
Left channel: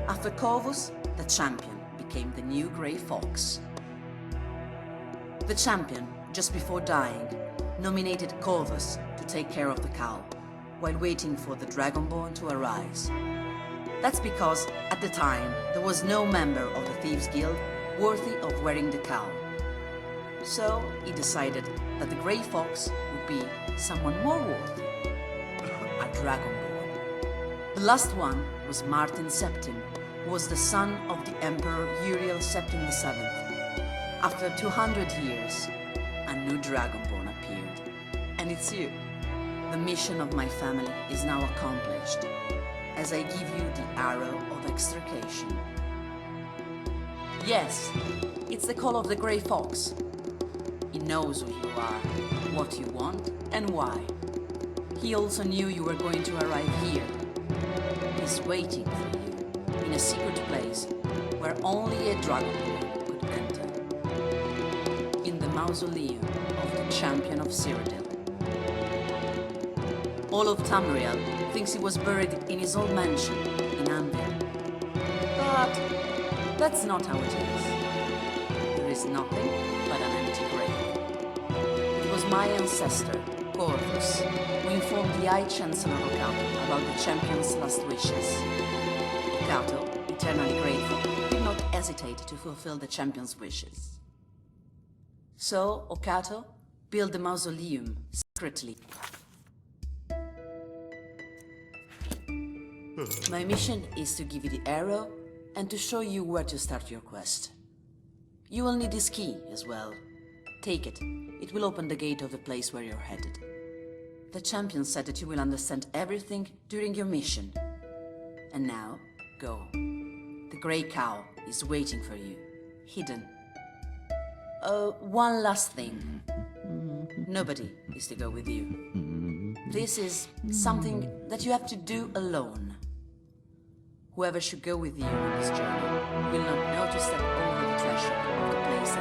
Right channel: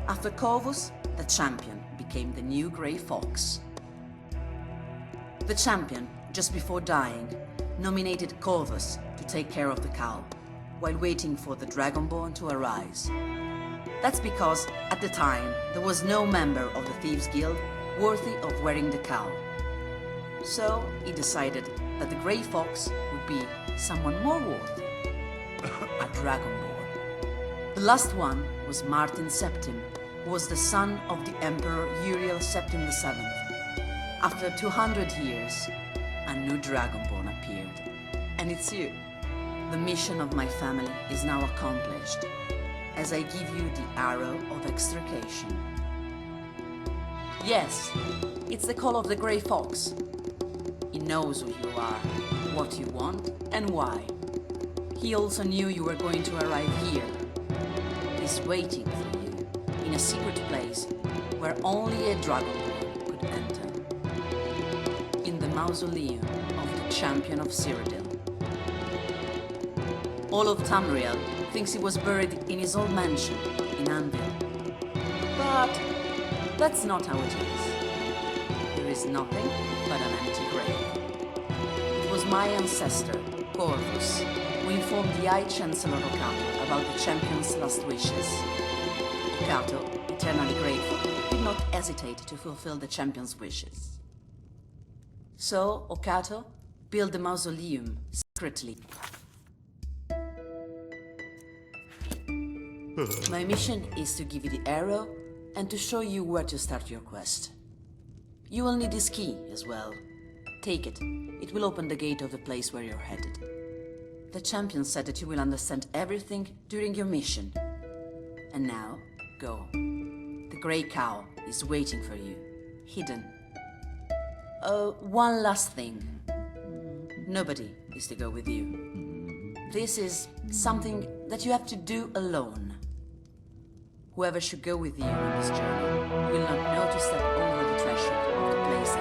After Corvus, the champion became the new Grey Fox. The champion, just before dying, nominated Corvus to take care of the cowl, while waiting for the Dragonborn to arise. That's because, at the time, there was no member of the Thieves' Guild worthy of wearing the cowl. So, he decided that the Grey Fox would be someone more worthy. A Dragonborn. The last one was Martin Septim, who was the son of the Emperor Uriel Septim VII. After 200 years, a new Dragonborn appeared. And it's you. The mission of my family is now accomplished, as I give you the Arrow of Extrication. Yes, it's the call of the Grey Fox. He knows who you are, what you want, and why. He also knew you were going to arrive here. He's waiting for you, in a secret place where only a Dragonborn could enter. In the mausoleum of the Champion of Cyrodiil. All of Tamriel thinks he was buried in his old mansion in Anvil. But that's not how it is. There is nothing but an empty grave. It was my ancestor, Corvus, who informed the High Chancellor Okato about the champion's last wishes. Okato, eternally grateful, did not hesitate to fulfill the champion's wishes. So, Okato built the mausoleum secretly. My mission is to give you the arrow and to show you where to start your quest. You will need this key as well. Take it. It will open the gate of the place where you're headed. The champion said that you will understand everything during your mission. And now, go. The Grey Cowl is waiting for you, hidden. One last thing. Nobody is to go with you. This is something that you have to do alone. Whoever should go with you on this journey will not know to step over the threshold of the place